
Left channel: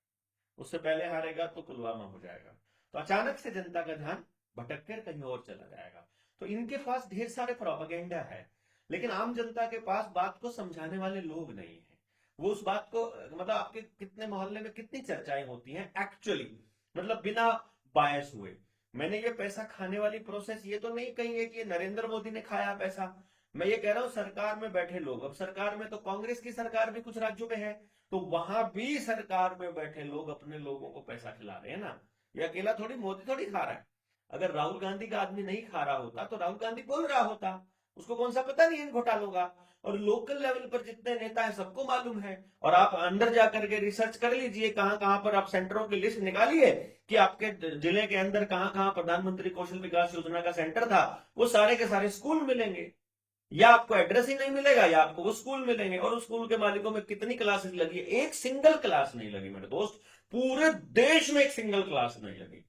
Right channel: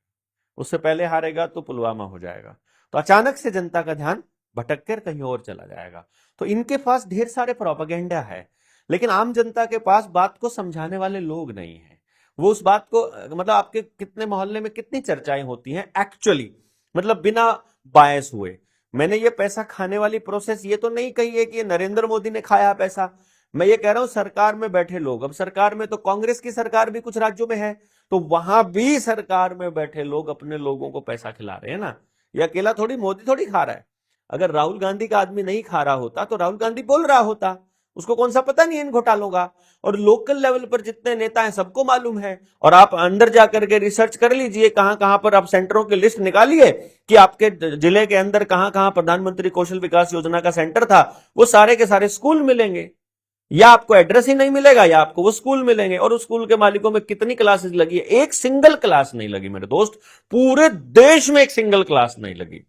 उससे पहले हारेगा तो पुलवामा हो जाएगा। तो अचानक से जनता का ध्यान भटक कर कहीं और चला जाएगा। तो इनके पास ढेर सारे प्रोपेगेंडा है, लेकिन आम जनता के पास बात को समझाने वाले लोग नहीं है। वो उस बात को, मतलब आपके कितने मोहल्ले में कितनी चर्चाएं होती हैं एक्चुअली, मतलब बिना बायस हुए। मैंने ये पैसा खाने वाली प्रोसेस ये तो नहीं कही है कि ये नरेंद्र मोदी ने खाया पैसा, मैं ये कह रहा हूं सरकार में बैठे लोग, अब सरकार में तो कांग्रेस की सरकार भी कुछ राज्यों में है, तो वहां भी सरकार में बैठे लोग अपने लोगों को पैसा खिला रहे हैं ना। ये अकेला थोड़ी मोदी थोड़ी खा रहा है। अगर राहुल गांधी का आदमी नहीं खा रहा होता तो राहुल गांधी बोल रहा होता, उसको कौन सा पता नहीं है इन घोटालों का। और लोकल लेवल पर जितने नेता हैं सबको मालूम है, और आप अंदर जाकर के रिसर्च कर लीजिए, कहां कहां पर आप सेंटरों की लिस्ट निकालिए कि आपके जिले के अंदर कहां कहां प्रधानमंत्री कौशल विकास योजना का सेंटर था, वो सारे के सारे स्कूल मिलेंगे, या आपको एड्रेस ही नहीं मिलेगा या आपको वो स्कूल मिलेंगे। और उस स्कूल के मालिकों में कितनी क्लासेस लगी है? एक सिंगल क्लास नहीं लगी मेरे दोस्त, पूरे देश में एक सिंगल क्लास नहीं लगी।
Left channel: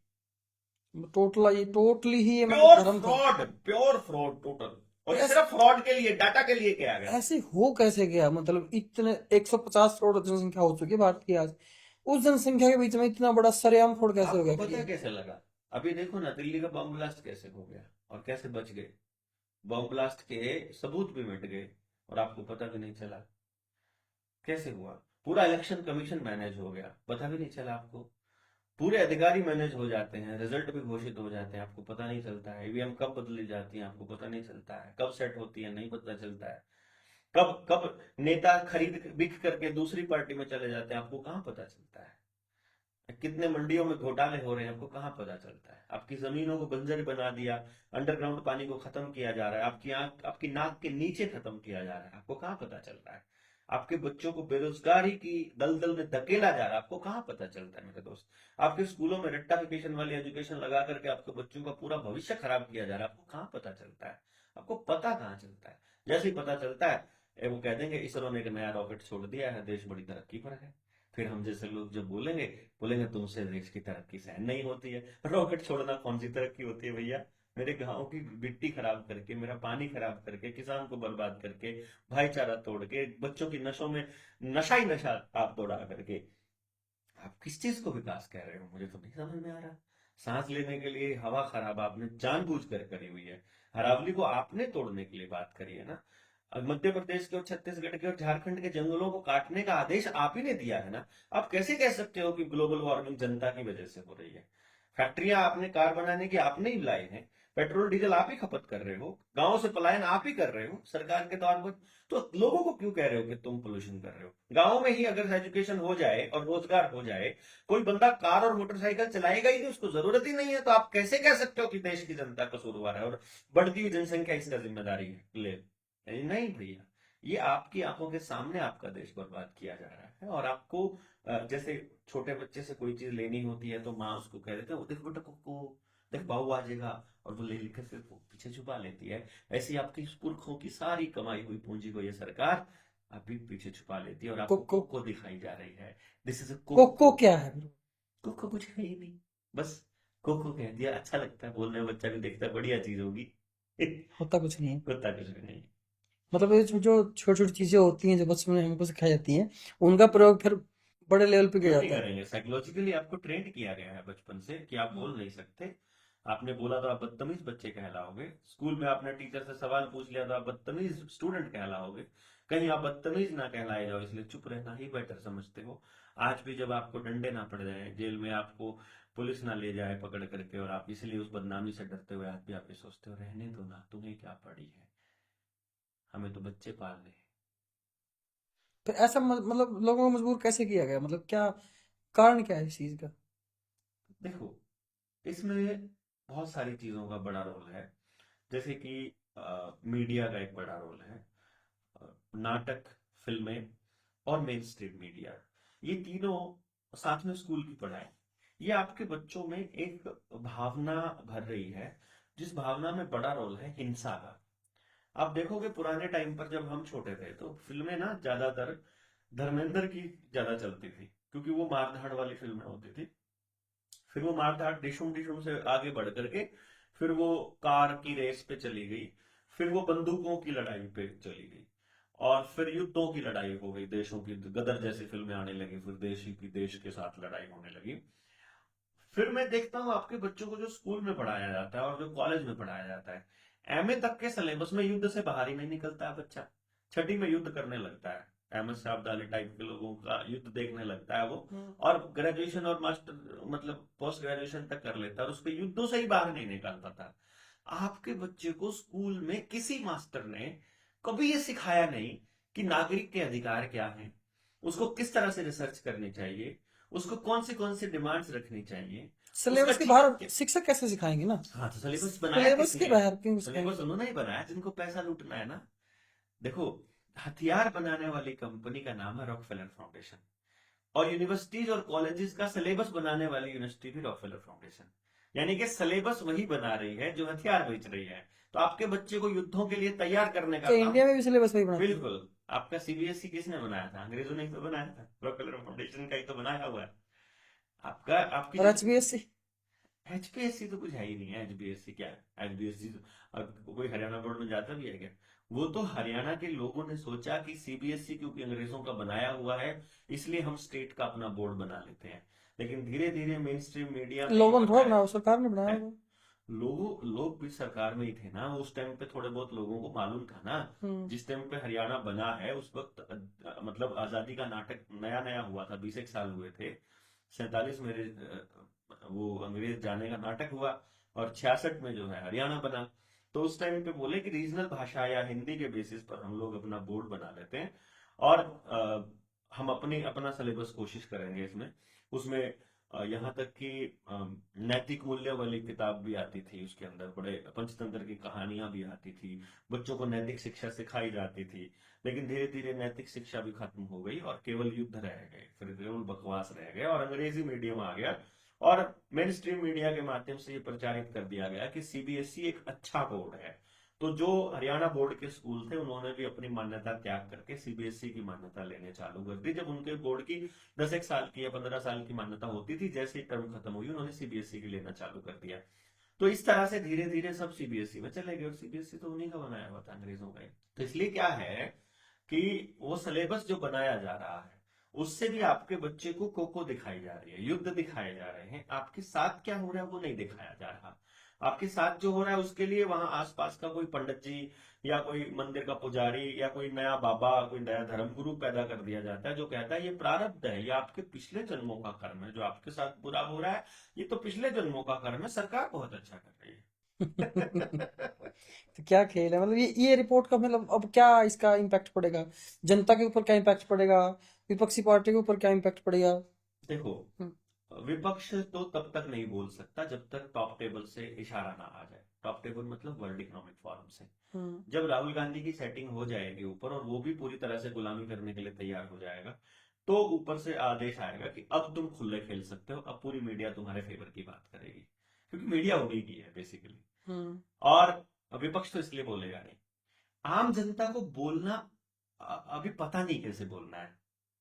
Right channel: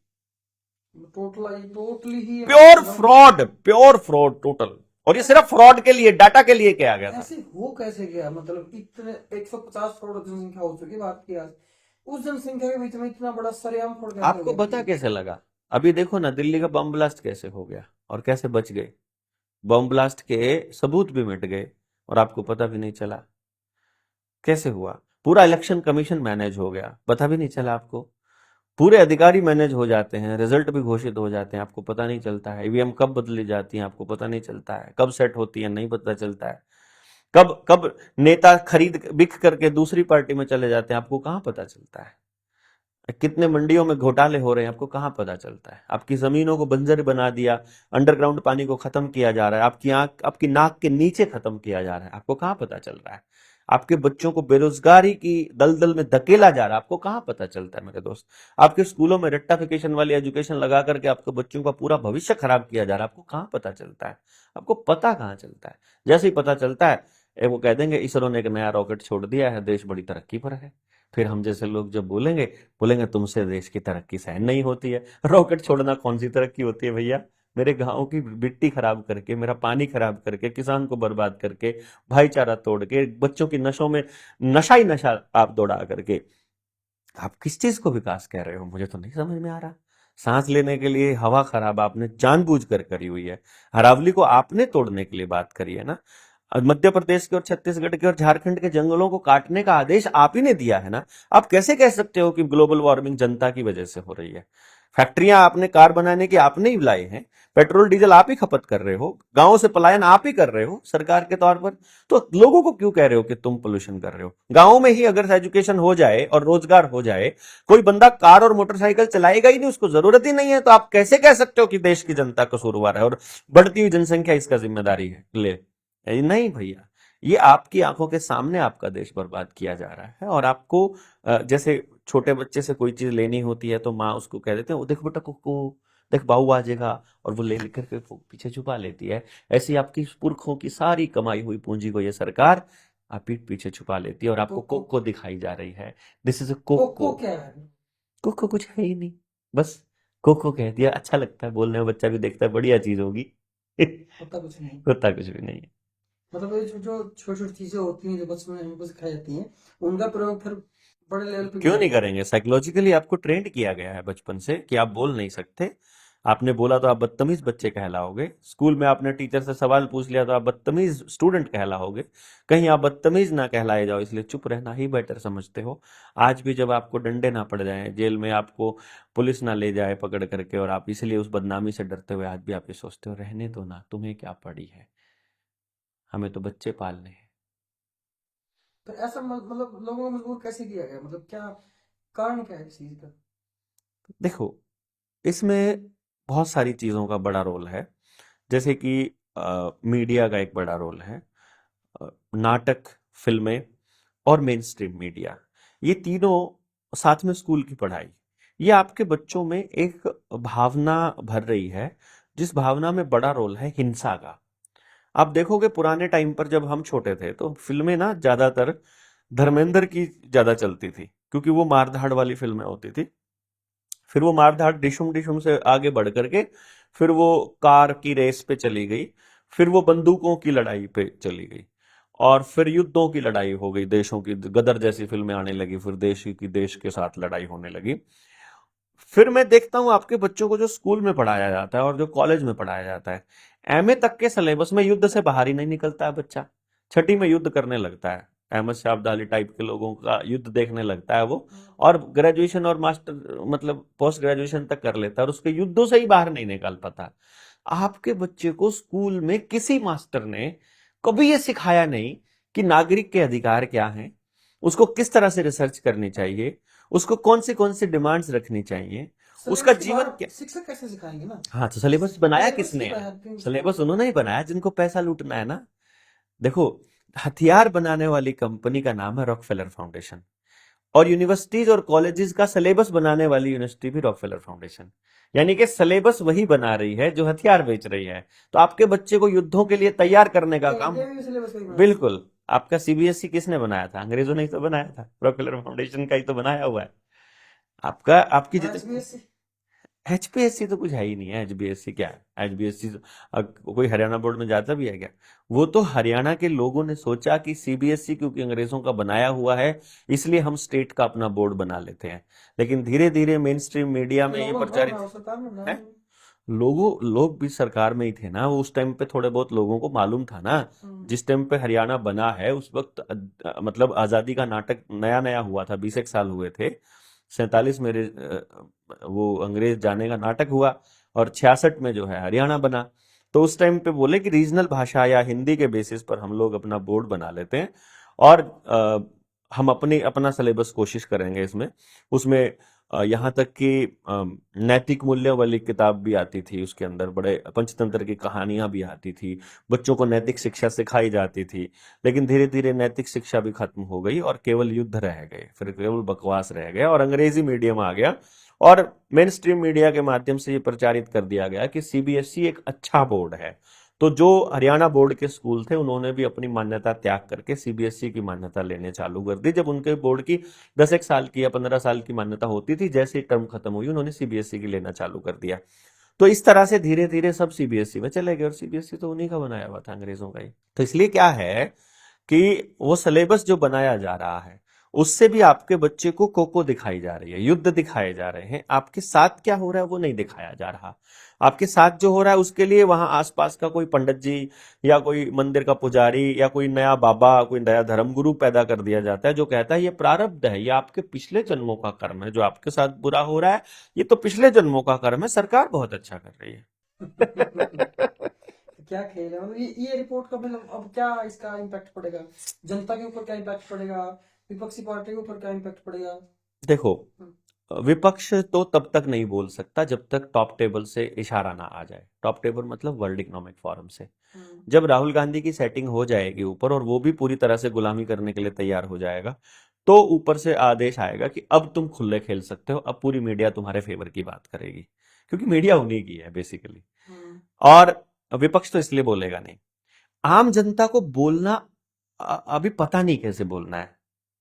टोटली ही प्योर फ्रॉड टोटल। और ये सिर्फ फ्रॉड के लिए, डाटा के लिए किया गया था। ऐसे हो कैसे गया? मतलब इतने 150 करोड़ जनसंख्या हो चुकी है भारत की आज, उस जनसंख्या के बीच में इतना बड़ा सरेआम फ्रॉड कैसे हो आपको गया? पता कैसे लगा? अभी देखो ना, दिल्ली का बम ब्लास्ट कैसे हो गया और कैसे बच गए। बम ब्लास्ट के सबूत भी मिट गए और आपको पता भी नहीं चला कैसे हुआ। पूरा इलेक्शन कमीशन मैनेज हो गया, पता भी नहीं चला आपको। पूरे अधिकारी मैनेज हो जाते हैं, रिजल्ट भी घोषित हो जाते हैं, आपको पता नहीं चलता है। ईवीएम कब बदली जाती है आपको पता नहीं चलता है, कब सेट होती है नहीं पता चलता है, कब कब नेता खरीद बिक करके दूसरी पार्टी में चले जाते हैं आपको कहां पता चलता है। कितने मंडियों में घोटाले हो रहे हैं आपको कहां पता चलता है। आपकी जमीनों को बंजर बना दिया, अंडरग्राउंड पानी को खत्म किया जा रहा है, आपकी आंख आपकी नाक के नीचे खत्म किया जा रहा है, आपको कहां पता चल रहा है। आपके बच्चों को बेरोजगारी की दलदल में धकेला जा रहा है, आपको कहां पता चलता है मेरे दोस्त। आपके स्कूलों में रट्टाफिकेशन वाली एजुकेशन लगा करके आपके बच्चों का पूरा भविष्य खराब किया जा रहा है, आपको कहां पता चलता है। आपको पता कहां चलता है? जैसे ही पता चलता है वो कह देंगे इसरो ने एक नया रॉकेट छोड़ दिया है, देश बड़ी तरक्की पर है। फिर हम जैसे लोग जब बोलेंगे तुमसे देश की तरक्की सहन नहीं होती है। रॉकेट छोड़ना कौन सी तरक्की होती है भैया? मेरे गांव की मिट्टी खराब करके, मेरा पानी खराब करके, किसान को बर्बाद करके, भाईचारा तोड़ के, बच्चों की नशों में नशा ही नशा आप दौड़ा करके आप किस चीज को विकास कह रहे हो? मुझे तो नहीं समझ में आ रहा। सांस लेने के लिए हवा खराब आपने जानबूझ कर करी हुई है, अरावली को आपने तोड़ने के लिए बात करी है ना। मध्य प्रदेश के और छत्तीसगढ़ के और झारखंड के जंगलों को काटने का आदेश आप ही ने दिया है ना। आप कैसे कह सकते हो कि ग्लोबल वार्मिंग जनता की वजह से हो रही है? फैक्ट्रियां आपने कार बनाने की आपने ही लाए हैं, पेट्रोल डीजल आप ही खपत कर रहे हो, गांव से पलायन आप ही कर रहे हो सरकार के तौर पर, तो लोगों को क्यों कह रहे हो कि तुम पोल्यूशन कर रहे हो? गांव में ही अगर एजुकेशन हो जाए और रोजगार हो जाए, कोई बंदा कार और मोटरसाइकिल चलाएगा ही नहीं, उसको जरूरत ही नहीं है, तो आप कैसे कह सकते हो कि देश की जनता कसूरवार है और बढ़ती हुई जनसंख्या इसका जिम्मेदारी है ले? नहीं भैया, ये आपकी आंखों के सामने आपका देश बर्बाद किया जा रहा है। और आपको जैसे छोटे बच्चे से कोई चीज लेनी होती है तो माँ उसको कह देते हैं, देख बेटा कुकू, देख बाऊ आ जाएगा, और वो ले लेकर के पीछे छुपा लेती है। ऐसी आपकी पुरखों की सारी कमाई हुई पूंजी को ये सरकार आप पीठ पीछे छुपा लेती है और आपको कोको कोको दिखाई जा रही है। This is a coco coco. क्या है? कोको कुछ है ही नहीं, बस कोको कह दिया, अच्छा लगता है बोलने में, बच्चा भी देखता है बढ़िया चीज होगी। होता कुछ नहीं है। होता कुछ भी नहीं है। मतलब ये जो जो छोटी छोटी चीजें होती हैं जो बचपन में हमको सिखाई जाती हैं, उनका प्रयोग फिर बड़े लेवल पे किया क्यों नहीं जाता है। करेंगे? साइकोलॉजिकली आपको ट्रेंड किया गया है बचपन से कि आप बोल नहीं सकते। आपने बोला तो आप बदतमीज बच्चे कहलाओगे। स्कूल में आपने टीचर से सवाल पूछ लिया तो आप बदतमीज स्टूडेंट कहलाओगे। कहीं आप बदतमीज ना कहलाए जाओ, इसलिए चुप रहना ही बेटर समझते हो। आज भी जब आपको डंडे ना पड़ जाए, जेल में आपको पुलिस ना ले जाए पकड़ करके, और आप इसलिए उस बदनामी से डरते हुए आज भी आप ये सोचते हो रहने दो ना, तुम्हें क्या पड़ी है, हमें तो बच्चे पालने हैं। फिर ऐसा मतलब लोगों को मजबूर कैसे किया गया? मतलब क्या कारण क्या है इस चीज का? देखो, इसमें बहुत सारी चीज़ों का बड़ा रोल है। जैसे कि मीडिया का एक बड़ा रोल है। नाटक, फिल्में और मेन स्ट्रीम मीडिया, ये तीनों, साथ में स्कूल की पढ़ाई, ये आपके बच्चों में एक भावना भर रही है, जिस भावना में बड़ा रोल है हिंसा का। आप देखोगे पुराने टाइम पर जब हम छोटे थे तो फिल्में ना ज्यादातर धर्मेंद्र की ज्यादा चलती थी, क्योंकि वो मारधाड़ वाली फिल्में होती थी। फिर वो मारधाड़ डिशुम डिशुम से आगे बढ़ करके फिर वो कार की रेस पे चली गई, फिर वो बंदूकों की लड़ाई पे चली गई, और फिर युद्धों की लड़ाई हो गई, देशों की, गदर जैसी फिल्में आने लगी, फिर देश के साथ लड़ाई होने लगी। फिर मैं देखता हूँ आपके बच्चों को जो स्कूल में पढ़ाया जाता है और जो कॉलेज में पढ़ाया जाता है, एमए तक के सिलेबस में युद्ध से बाहर ही नहीं निकलता है बच्चा। छठी में युद्ध करने लगता है, अहमद शाह अब्दाली टाइप के लोगों का युद्ध देखने लगता है वो, और ग्रेजुएशन और मास्टर मतलब पोस्ट ग्रेजुएशन तक कर लेता है, और उसके युद्धों से ही बाहर नहीं निकाल पाता। आपके बच्चे को स्कूल में किसी मास्टर ने कभी ये सिखाया नहीं कि नागरिक के अधिकार क्या हैं, उसको किस तरह से रिसर्च करनी चाहिए, उसको कौन सी डिमांड्स रखनी चाहिए, उसका सिलेबस के जीवन बाहर क्या। शिक्षक कैसे सिखाएंगे ना? हाँ, तो सिलेबस बनाया सिलेबस किसने के है? बाहर क्यों सिलेबस सिखाएंगे? उन्होंने ही बनाया जिनको पैसा लूटना है ना। देखो, हथियार बनाने वाली कंपनी का नाम है रॉकफेलर फाउंडेशन, और यूनिवर्सिटीज और कॉलेजेस का सिलेबस बनाने वाली यूनिवर्सिटी भी रॉकफेलर फाउंडेशन। यानी कि सिलेबस वही बना रही है जो हथियार बेच रही है। तो आपके बच्चे को युद्धों के लिए तैयार करने का क्या काम, इंडिया में भी सिलेबस वही बनाते हैं? बिल्कुल, आपका सीबीएसई किसने बनाया था? अंग्रेजों ने ही तो बनाया था, रॉकफेलर फाउंडेशन का ही तो बनाया हुआ है। आपका आपकी और एचबीएससी? एचपीएससी तो कुछ है ही नहीं है। एचबीएससी क्या है? एचबीएससी कोई हरियाणा बोर्ड में जाता भी है क्या? वो तो हरियाणा के लोगों ने सोचा कि सीबीएसई क्योंकि अंग्रेजों का बनाया हुआ है, इसलिए हम स्टेट का अपना बोर्ड बना लेते हैं। लेकिन धीरे धीरे मेन स्ट्रीम मीडिया में ये लोगों ने थोड़ा प्रचारित बनाया, सरकार ने बनाया है। होगा। लोग भी सरकार में ही थे ना, वो उस टाइम पे थोड़े बहुत लोगों को मालूम था ना। हम्म। जिस टाइम पे हरियाणा बना है उस वक्त मतलब आजादी का नाटक नया नया हुआ था, 20 एक साल हुए थे। 47 में वो अंग्रेज जाने का नाटक हुआ, और 66 में जो है हरियाणा बना। तो उस टाइम पे बोले कि रीजनल भाषा या हिंदी के बेसिस पर हम लोग अपना बोर्ड बना लेते हैं, और हम अपना सिलेबस कोशिश करेंगे इसमें। उसमें यहाँ तक कि नैतिक मूल्यों वाली किताब भी आती थी, उसके अंदर बड़े पंचतंत्र की कहानियां भी आती थी, बच्चों को नैतिक शिक्षा सिखाई जाती थी। लेकिन धीरे धीरे नैतिक शिक्षा भी खत्म हो गई और केवल युद्ध रह गए, फिर केवल बकवास रह गया, और अंग्रेजी मीडियम आ गया, और मेन स्ट्रीम मीडिया के माध्यम से ये प्रचारित कर दिया गया कि सीबीएसई एक अच्छा बोर्ड है। तो जो हरियाणा बोर्ड के स्कूल थे उन्होंने भी अपनी मान्यता त्याग करके सीबीएसई की मान्यता लेने चालू कर दी। जब उनके बोर्ड की 10 एक साल की या 15 साल की मान्यता होती थी, जैसे ही टर्म खत्म हुई उन्होंने सीबीएसई की लेना चालू कर दिया। तो इस तरह से धीरे धीरे सब सीबीएसई में चले गए, और सीबीएसई तो उन्हीं का बनाया हुआ था, अंग्रेजों का ही। तो इसलिए क्या है कि वो सिलेबस जो बनाया जा रहा है उससे भी आपके बच्चे को कोको दिखाई जा रही है, युद्ध दिखाए जा रहे हैं। आपके साथ क्या हो रहा है वो नहीं दिखाया जा रहा। आपके साथ जो हो रहा है उसके लिए वहां आसपास का कोई पंडित जी या कोई मंदिर का पुजारी या कोई नया बाबा, कोई नया धर्मगुरु पैदा कर दिया जाता है, जो कहता है ये प्रारब्ध है, ये आपके पिछले जन्मों का कर्म है, जो आपके साथ बुरा हो रहा है ये तो पिछले जन्मों का कर्म है, सरकार बहुत अच्छा कर रही है। तो क्या खेल है, मतलब ये रिपोर्ट का मतलब अब क्या इसका इम्पैक्ट पड़ेगा, जनता के ऊपर क्या इम्पैक्ट पड़ेगा, विपक्षी पार्टी के ऊपर क्या इम्पैक्ट पड़ेगा? देखो, हम्म, विपक्ष तो तब तक नहीं बोल सकता जब तक टॉप टेबल से इशारा ना आ जाए। टॉप टेबल मतलब वर्ल्ड इकोनॉमिक फोरम से। हम्म, जब राहुल गांधी की सेटिंग हो जाएगी ऊपर, और वो भी पूरी तरह से गुलामी करने के लिए तैयार हो जाएगा, तो ऊपर से आदेश आएगा कि अब तुम खुले खेल सकते हो, अब पूरी मीडिया तुम्हारे फेवर की बात करेगी, क्योंकि मीडिया उन्हीं की है बेसिकली। हम्म, और विपक्ष तो इसलिए बोलेगा नहीं। आम जनता को बोलना अभी पता नहीं कैसे बोलना है।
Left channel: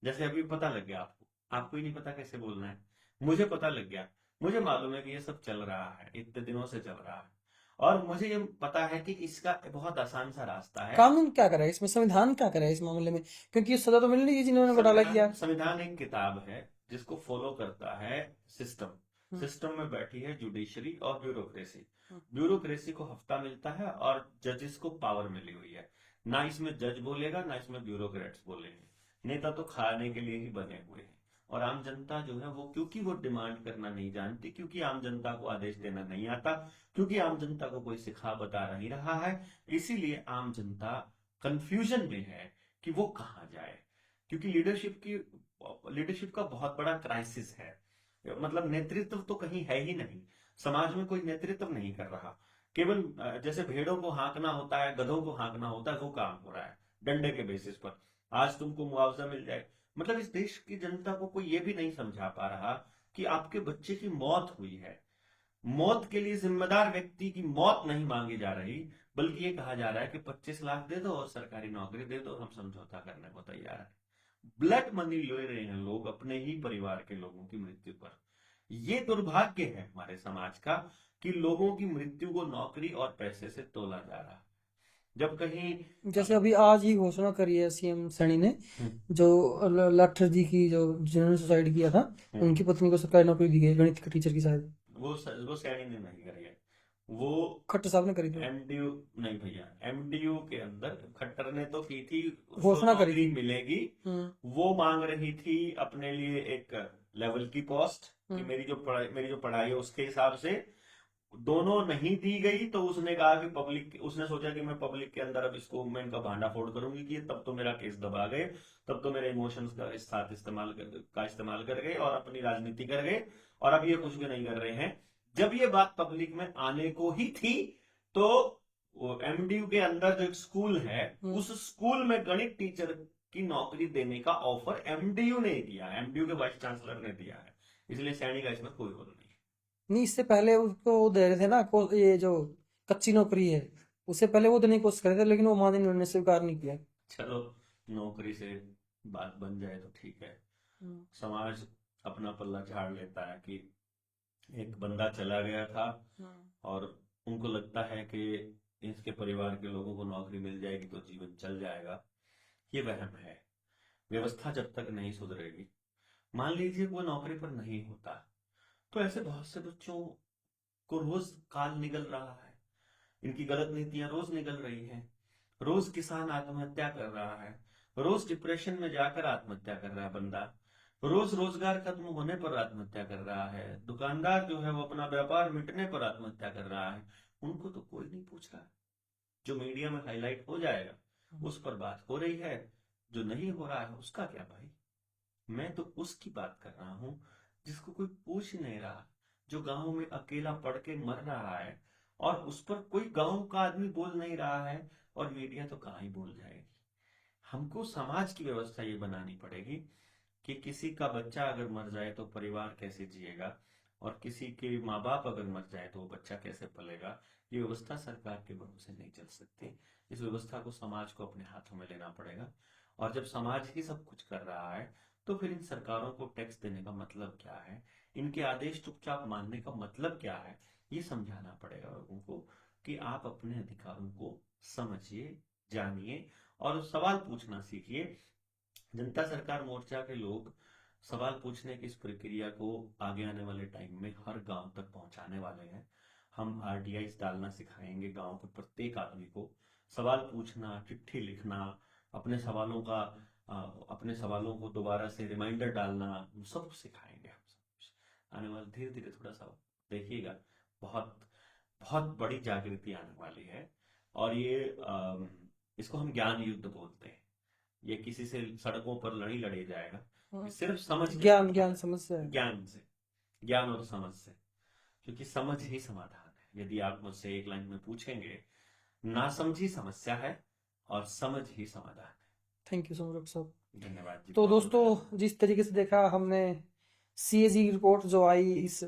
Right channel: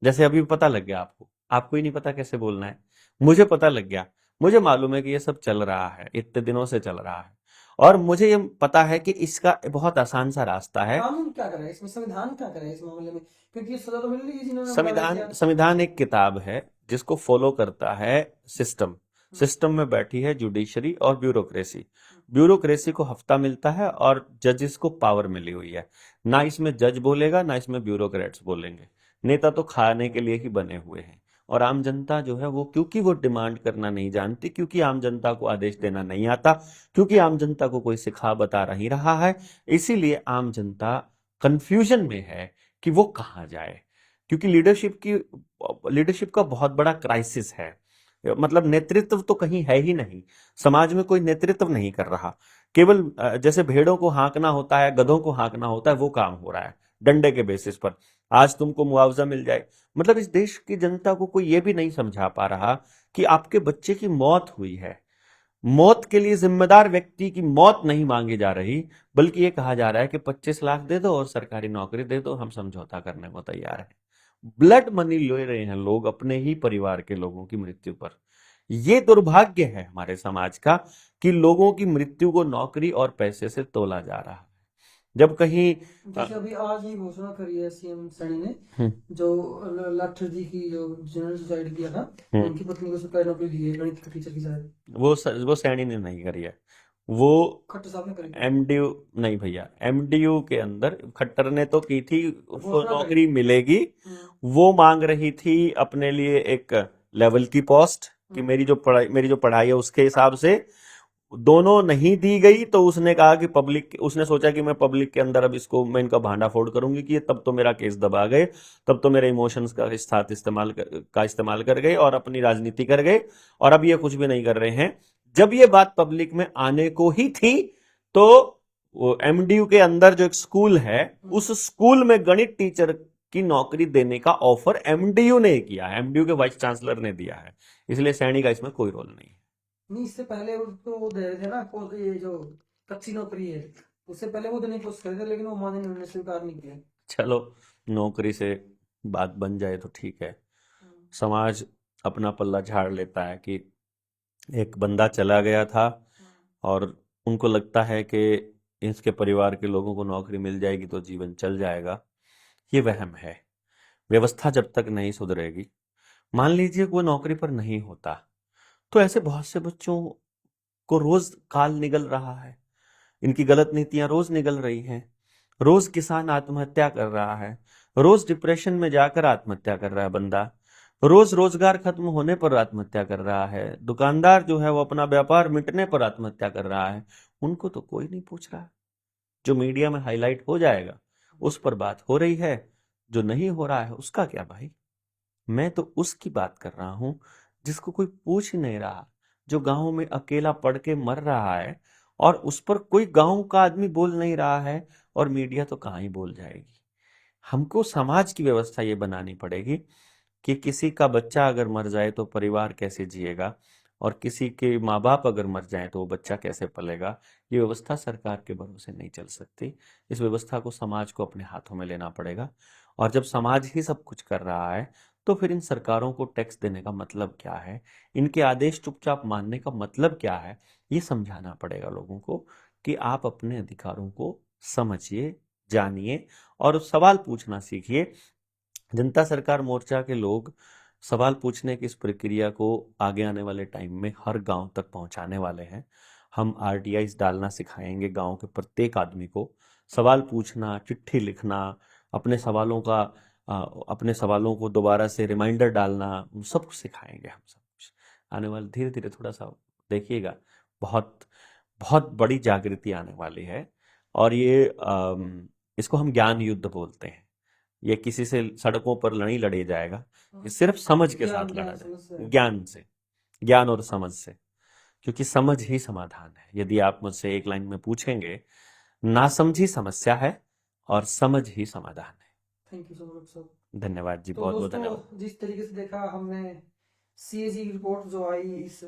जैसे अभी पता लग गया आपको, आपको ही नहीं पता कैसे बोलना है। मुझे पता लग गया, मुझे मालूम है कि ये सब चल रहा है, इतने दिनों से चल रहा है, और मुझे ये पता है कि इसका बहुत आसान सा रास्ता है। कानून क्या करे इसमें, संविधान क्या करे इस मामले में, क्योंकि ये सजा तो मिलनी चाहिए जिन्होंने घोटाला संविधान किया। संविधान एक किताब है जिसको फॉलो करता है सिस्टम। हम्म, सिस्टम में बैठी है जुडिशरी और ब्यूरोक्रेसी। ब्यूरोक्रेसी को हफ्ता मिलता है और जजेस को पावर मिली हुई है। ना इसमें जज बोलेगा, ना इसमें ब्यूरोक्रेट्स बोलेंगे। नेता तो खाने के लिए ही बने हुए हैं। और आम जनता जो है वो, क्योंकि वो डिमांड करना नहीं जानती, क्योंकि आम जनता को आदेश देना नहीं आता, क्योंकि आम जनता को कोई सिखा बता नहीं रहा है, इसीलिए आम जनता कंफ्यूजन में है कि वो कहाँ जाए। क्योंकि लीडरशिप का बहुत बड़ा क्राइसिस है। मतलब नेतृत्व तो कहीं है ही नहीं। समाज में कोई नेतृत्व नहीं कर रहा। केवल जैसे भेड़ों को हाँकना होता है, गधों को हाँकना होता है, वो काम हो रहा है डंडे के बेसिस पर। आज तुमको मुआवजा मिल जाए, मतलब इस देश की जनता को कोई ये भी नहीं समझा पा रहा कि आपके बच्चे की मौत हुई है। मौत के लिए जिम्मेदार व्यक्ति की मौत नहीं मांगी जा रही, बल्कि ये कहा जा रहा है कि 25 लाख दे दो और सरकारी नौकरी दे दो, हम समझौता करने को तैयार हैं। ब्लड मनी ले रहे हैं लोग अपने ही परिवार के लोगों की मृत्यु पर। ये दुर्भाग्य है हमारे समाज का कि लोगों की मृत्यु को नौकरी और पैसे से तोला जा रहा है। जब कहीं जैसे अभी आज ही घोषणा करी है सीएम सैनी ने, हम्म, जो लाठर जी की जो जिन्होंने सुसाइड किया था, हम्म, उनकी पत्नी को सरकारी नौकरी दी गई, गणित के टीचर की शायद। वो सैनी ने नहीं करी है। वो खट्टर साहब ने करी थी, एमडीयू, नहीं भैया, एमडीयू के अंदर खट्टर ने तो की थी, उसको घोषणा करी नौकरी थी। मिलेगी। हम्म, वो मांग रही थी अपने लिए एक लेवल की पोस्ट, कि हम्म, मेरी जो पढ़ाई है उसके हिसाब से। दोनों नहीं दी गई तो उसने कहा कि पब्लिक, उसने सोचा कि मैं पब्लिक के अंदर अब इसको, मैं इनका भांडा फोड़ करूंगी, कि ये तब तो मेरा केस दबा गए, तब तो मेरे इमोशंस का साथ इस्तेमाल कर गए और अपनी राजनीति कर गए, और अब ये कुछ भी नहीं कर रहे हैं। जब ये बात पब्लिक में आने को ही थी, तो वो एमडीयू के अंदर जो एक स्कूल है, हम्म। उस स्कूल में गणित टीचर की नौकरी देने का ऑफर एमडीयू ने किया है, एमडीयू के वाइस चांसलर ने दिया है। इसलिए सैनी का इसमें कोई रोल नहीं है। नहीं, इससे पहले उसको वो दे रहे थे ना, ये जो कच्ची नौकरी है, उससे पहले वो देने की कोशिश करे थे, लेकिन वो माने नहीं, उन्होंने स्वीकार नहीं किया। चलो, नौकरी से बात बन जाए तो ठीक है। हम्म, समाज अपना पल्ला झाड़ लेता है कि एक बंदा चला गया था, हम्म, और उनको लगता है कि इसके परिवार के लोगों को नौकरी मिल जाएगी तो जीवन चल जाएगा। ये वहम है। व्यवस्था जब तक नहीं सुधरेगी, मान लीजिए वो नौकरी पर नहीं होता, तो ऐसे बहुत से बच्चों को रोज काल निगल रहा है। इनकी गलत नीतियां रोज निगल रही हैं। रोज किसान आत्महत्या कर रहा है। रोज डिप्रेशन में जाकर आत्महत्या कर रहा है बंदा। रोज रोजगार खत्म होने पर आत्महत्या कर रहा है। दुकानदार जो है वो अपना व्यापार मिटने पर आत्महत्या कर रहा है। उनको तो कोई नहीं पूछ रहा। जो मीडिया में हाईलाइट हो जाएगा उस पर बात हो रही है, जो नहीं हो रहा है उसका क्या भाई। मैं तो उसकी बात कर रहा हूं जिसको कोई पूछ ही नहीं रहा, जो गांव में अकेला पड़ के मर रहा है, और उस पर कोई गांव का आदमी बोल नहीं रहा है, और मीडिया तो कहाँ ही बोल जाएगी। हमको समाज की व्यवस्था ये बनानी पड़ेगी कि किसी का बच्चा अगर मर जाए तो परिवार कैसे जिएगा, और किसी के माँ बाप अगर मर जाए तो वो बच्चा कैसे पलेगा। ये व्यवस्था सरकार के भरोसे नहीं चल सकती। इस व्यवस्था को समाज को अपने हाथों में लेना पड़ेगा। और जब समाज ही सब कुछ कर रहा है, तो फिर इन सरकारों को टैक्स देने का मतलब क्या है, इनके आदेश चुपचाप मानने का मतलब क्या है, ये समझाना पड़ेगा लोगों को कि आप अपने अधिकारों को समझिए, जानिए, और सवाल पूछना सीखिए। जनता सरकार मोर्चा के लोग सवाल पूछने की इस प्रक्रिया को आगे आने वाले टाइम में हर गांव तक पहुंचाने वाले हैं। हम आरटीआईज डालना सिखाएंगे गांव के प्रत्येक आदमी को। सवाल पूछना, चिट्ठी लिखना, अपने सवालों का अपने सवालों को दोबारा से रिमाइंडर डालना, सब कुछ सिखाएंगे हम। सब कुछ आने वाले, धीरे धीरे थोड़ा सा देखिएगा, बहुत बहुत बड़ी जागृति आने वाली है। और ये इसको हम ज्ञान युद्ध बोलते हैं। ये किसी से सड़कों पर नहीं लड़े जाएगा, ये सिर्फ समझ के साथ लड़ा ज्ञान जाएगा, समझ से। ज्ञान से, ज्ञान और समझ से। क्योंकि समझ ही समाधान है। यदि आप मुझसे एक लाइन में पूछेंगे, नासमझी समस्या है और समझ ही समाधान है। Thank you so much doctor साहब। धन्यवाद जी, तो बहुत बहुत धन्यवाद। दोस्तों, जिस तरीके से देखा हमने सीएजी की रिपोर्ट जो आई इस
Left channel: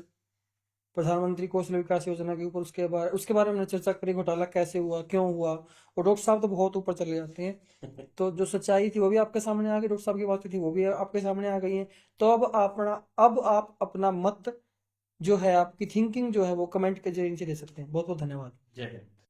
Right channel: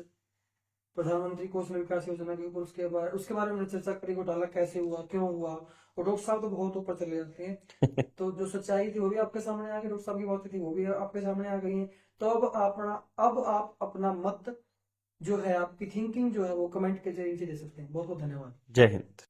प्रधानमंत्री कौशल विकास योजना के ऊपर, उसके बारे में हमने चर्चा करी, घोटाला कैसे हुआ, क्यों हुआ। और डॉक्टर साहब तो बहुत ऊपर चले जाते हैं। तो जो सच्चाई थी वो भी आपके सामने आ गई, डॉक्टर साहब की बातें थी वो भी आपके सामने आ गई हैं। तो अब आप अपना मत जो है, आपकी थिंकिंग जो है वो कमेंट के जरिए दे सकते हैं। बहुत बहुत धन्यवाद। जय हिंद।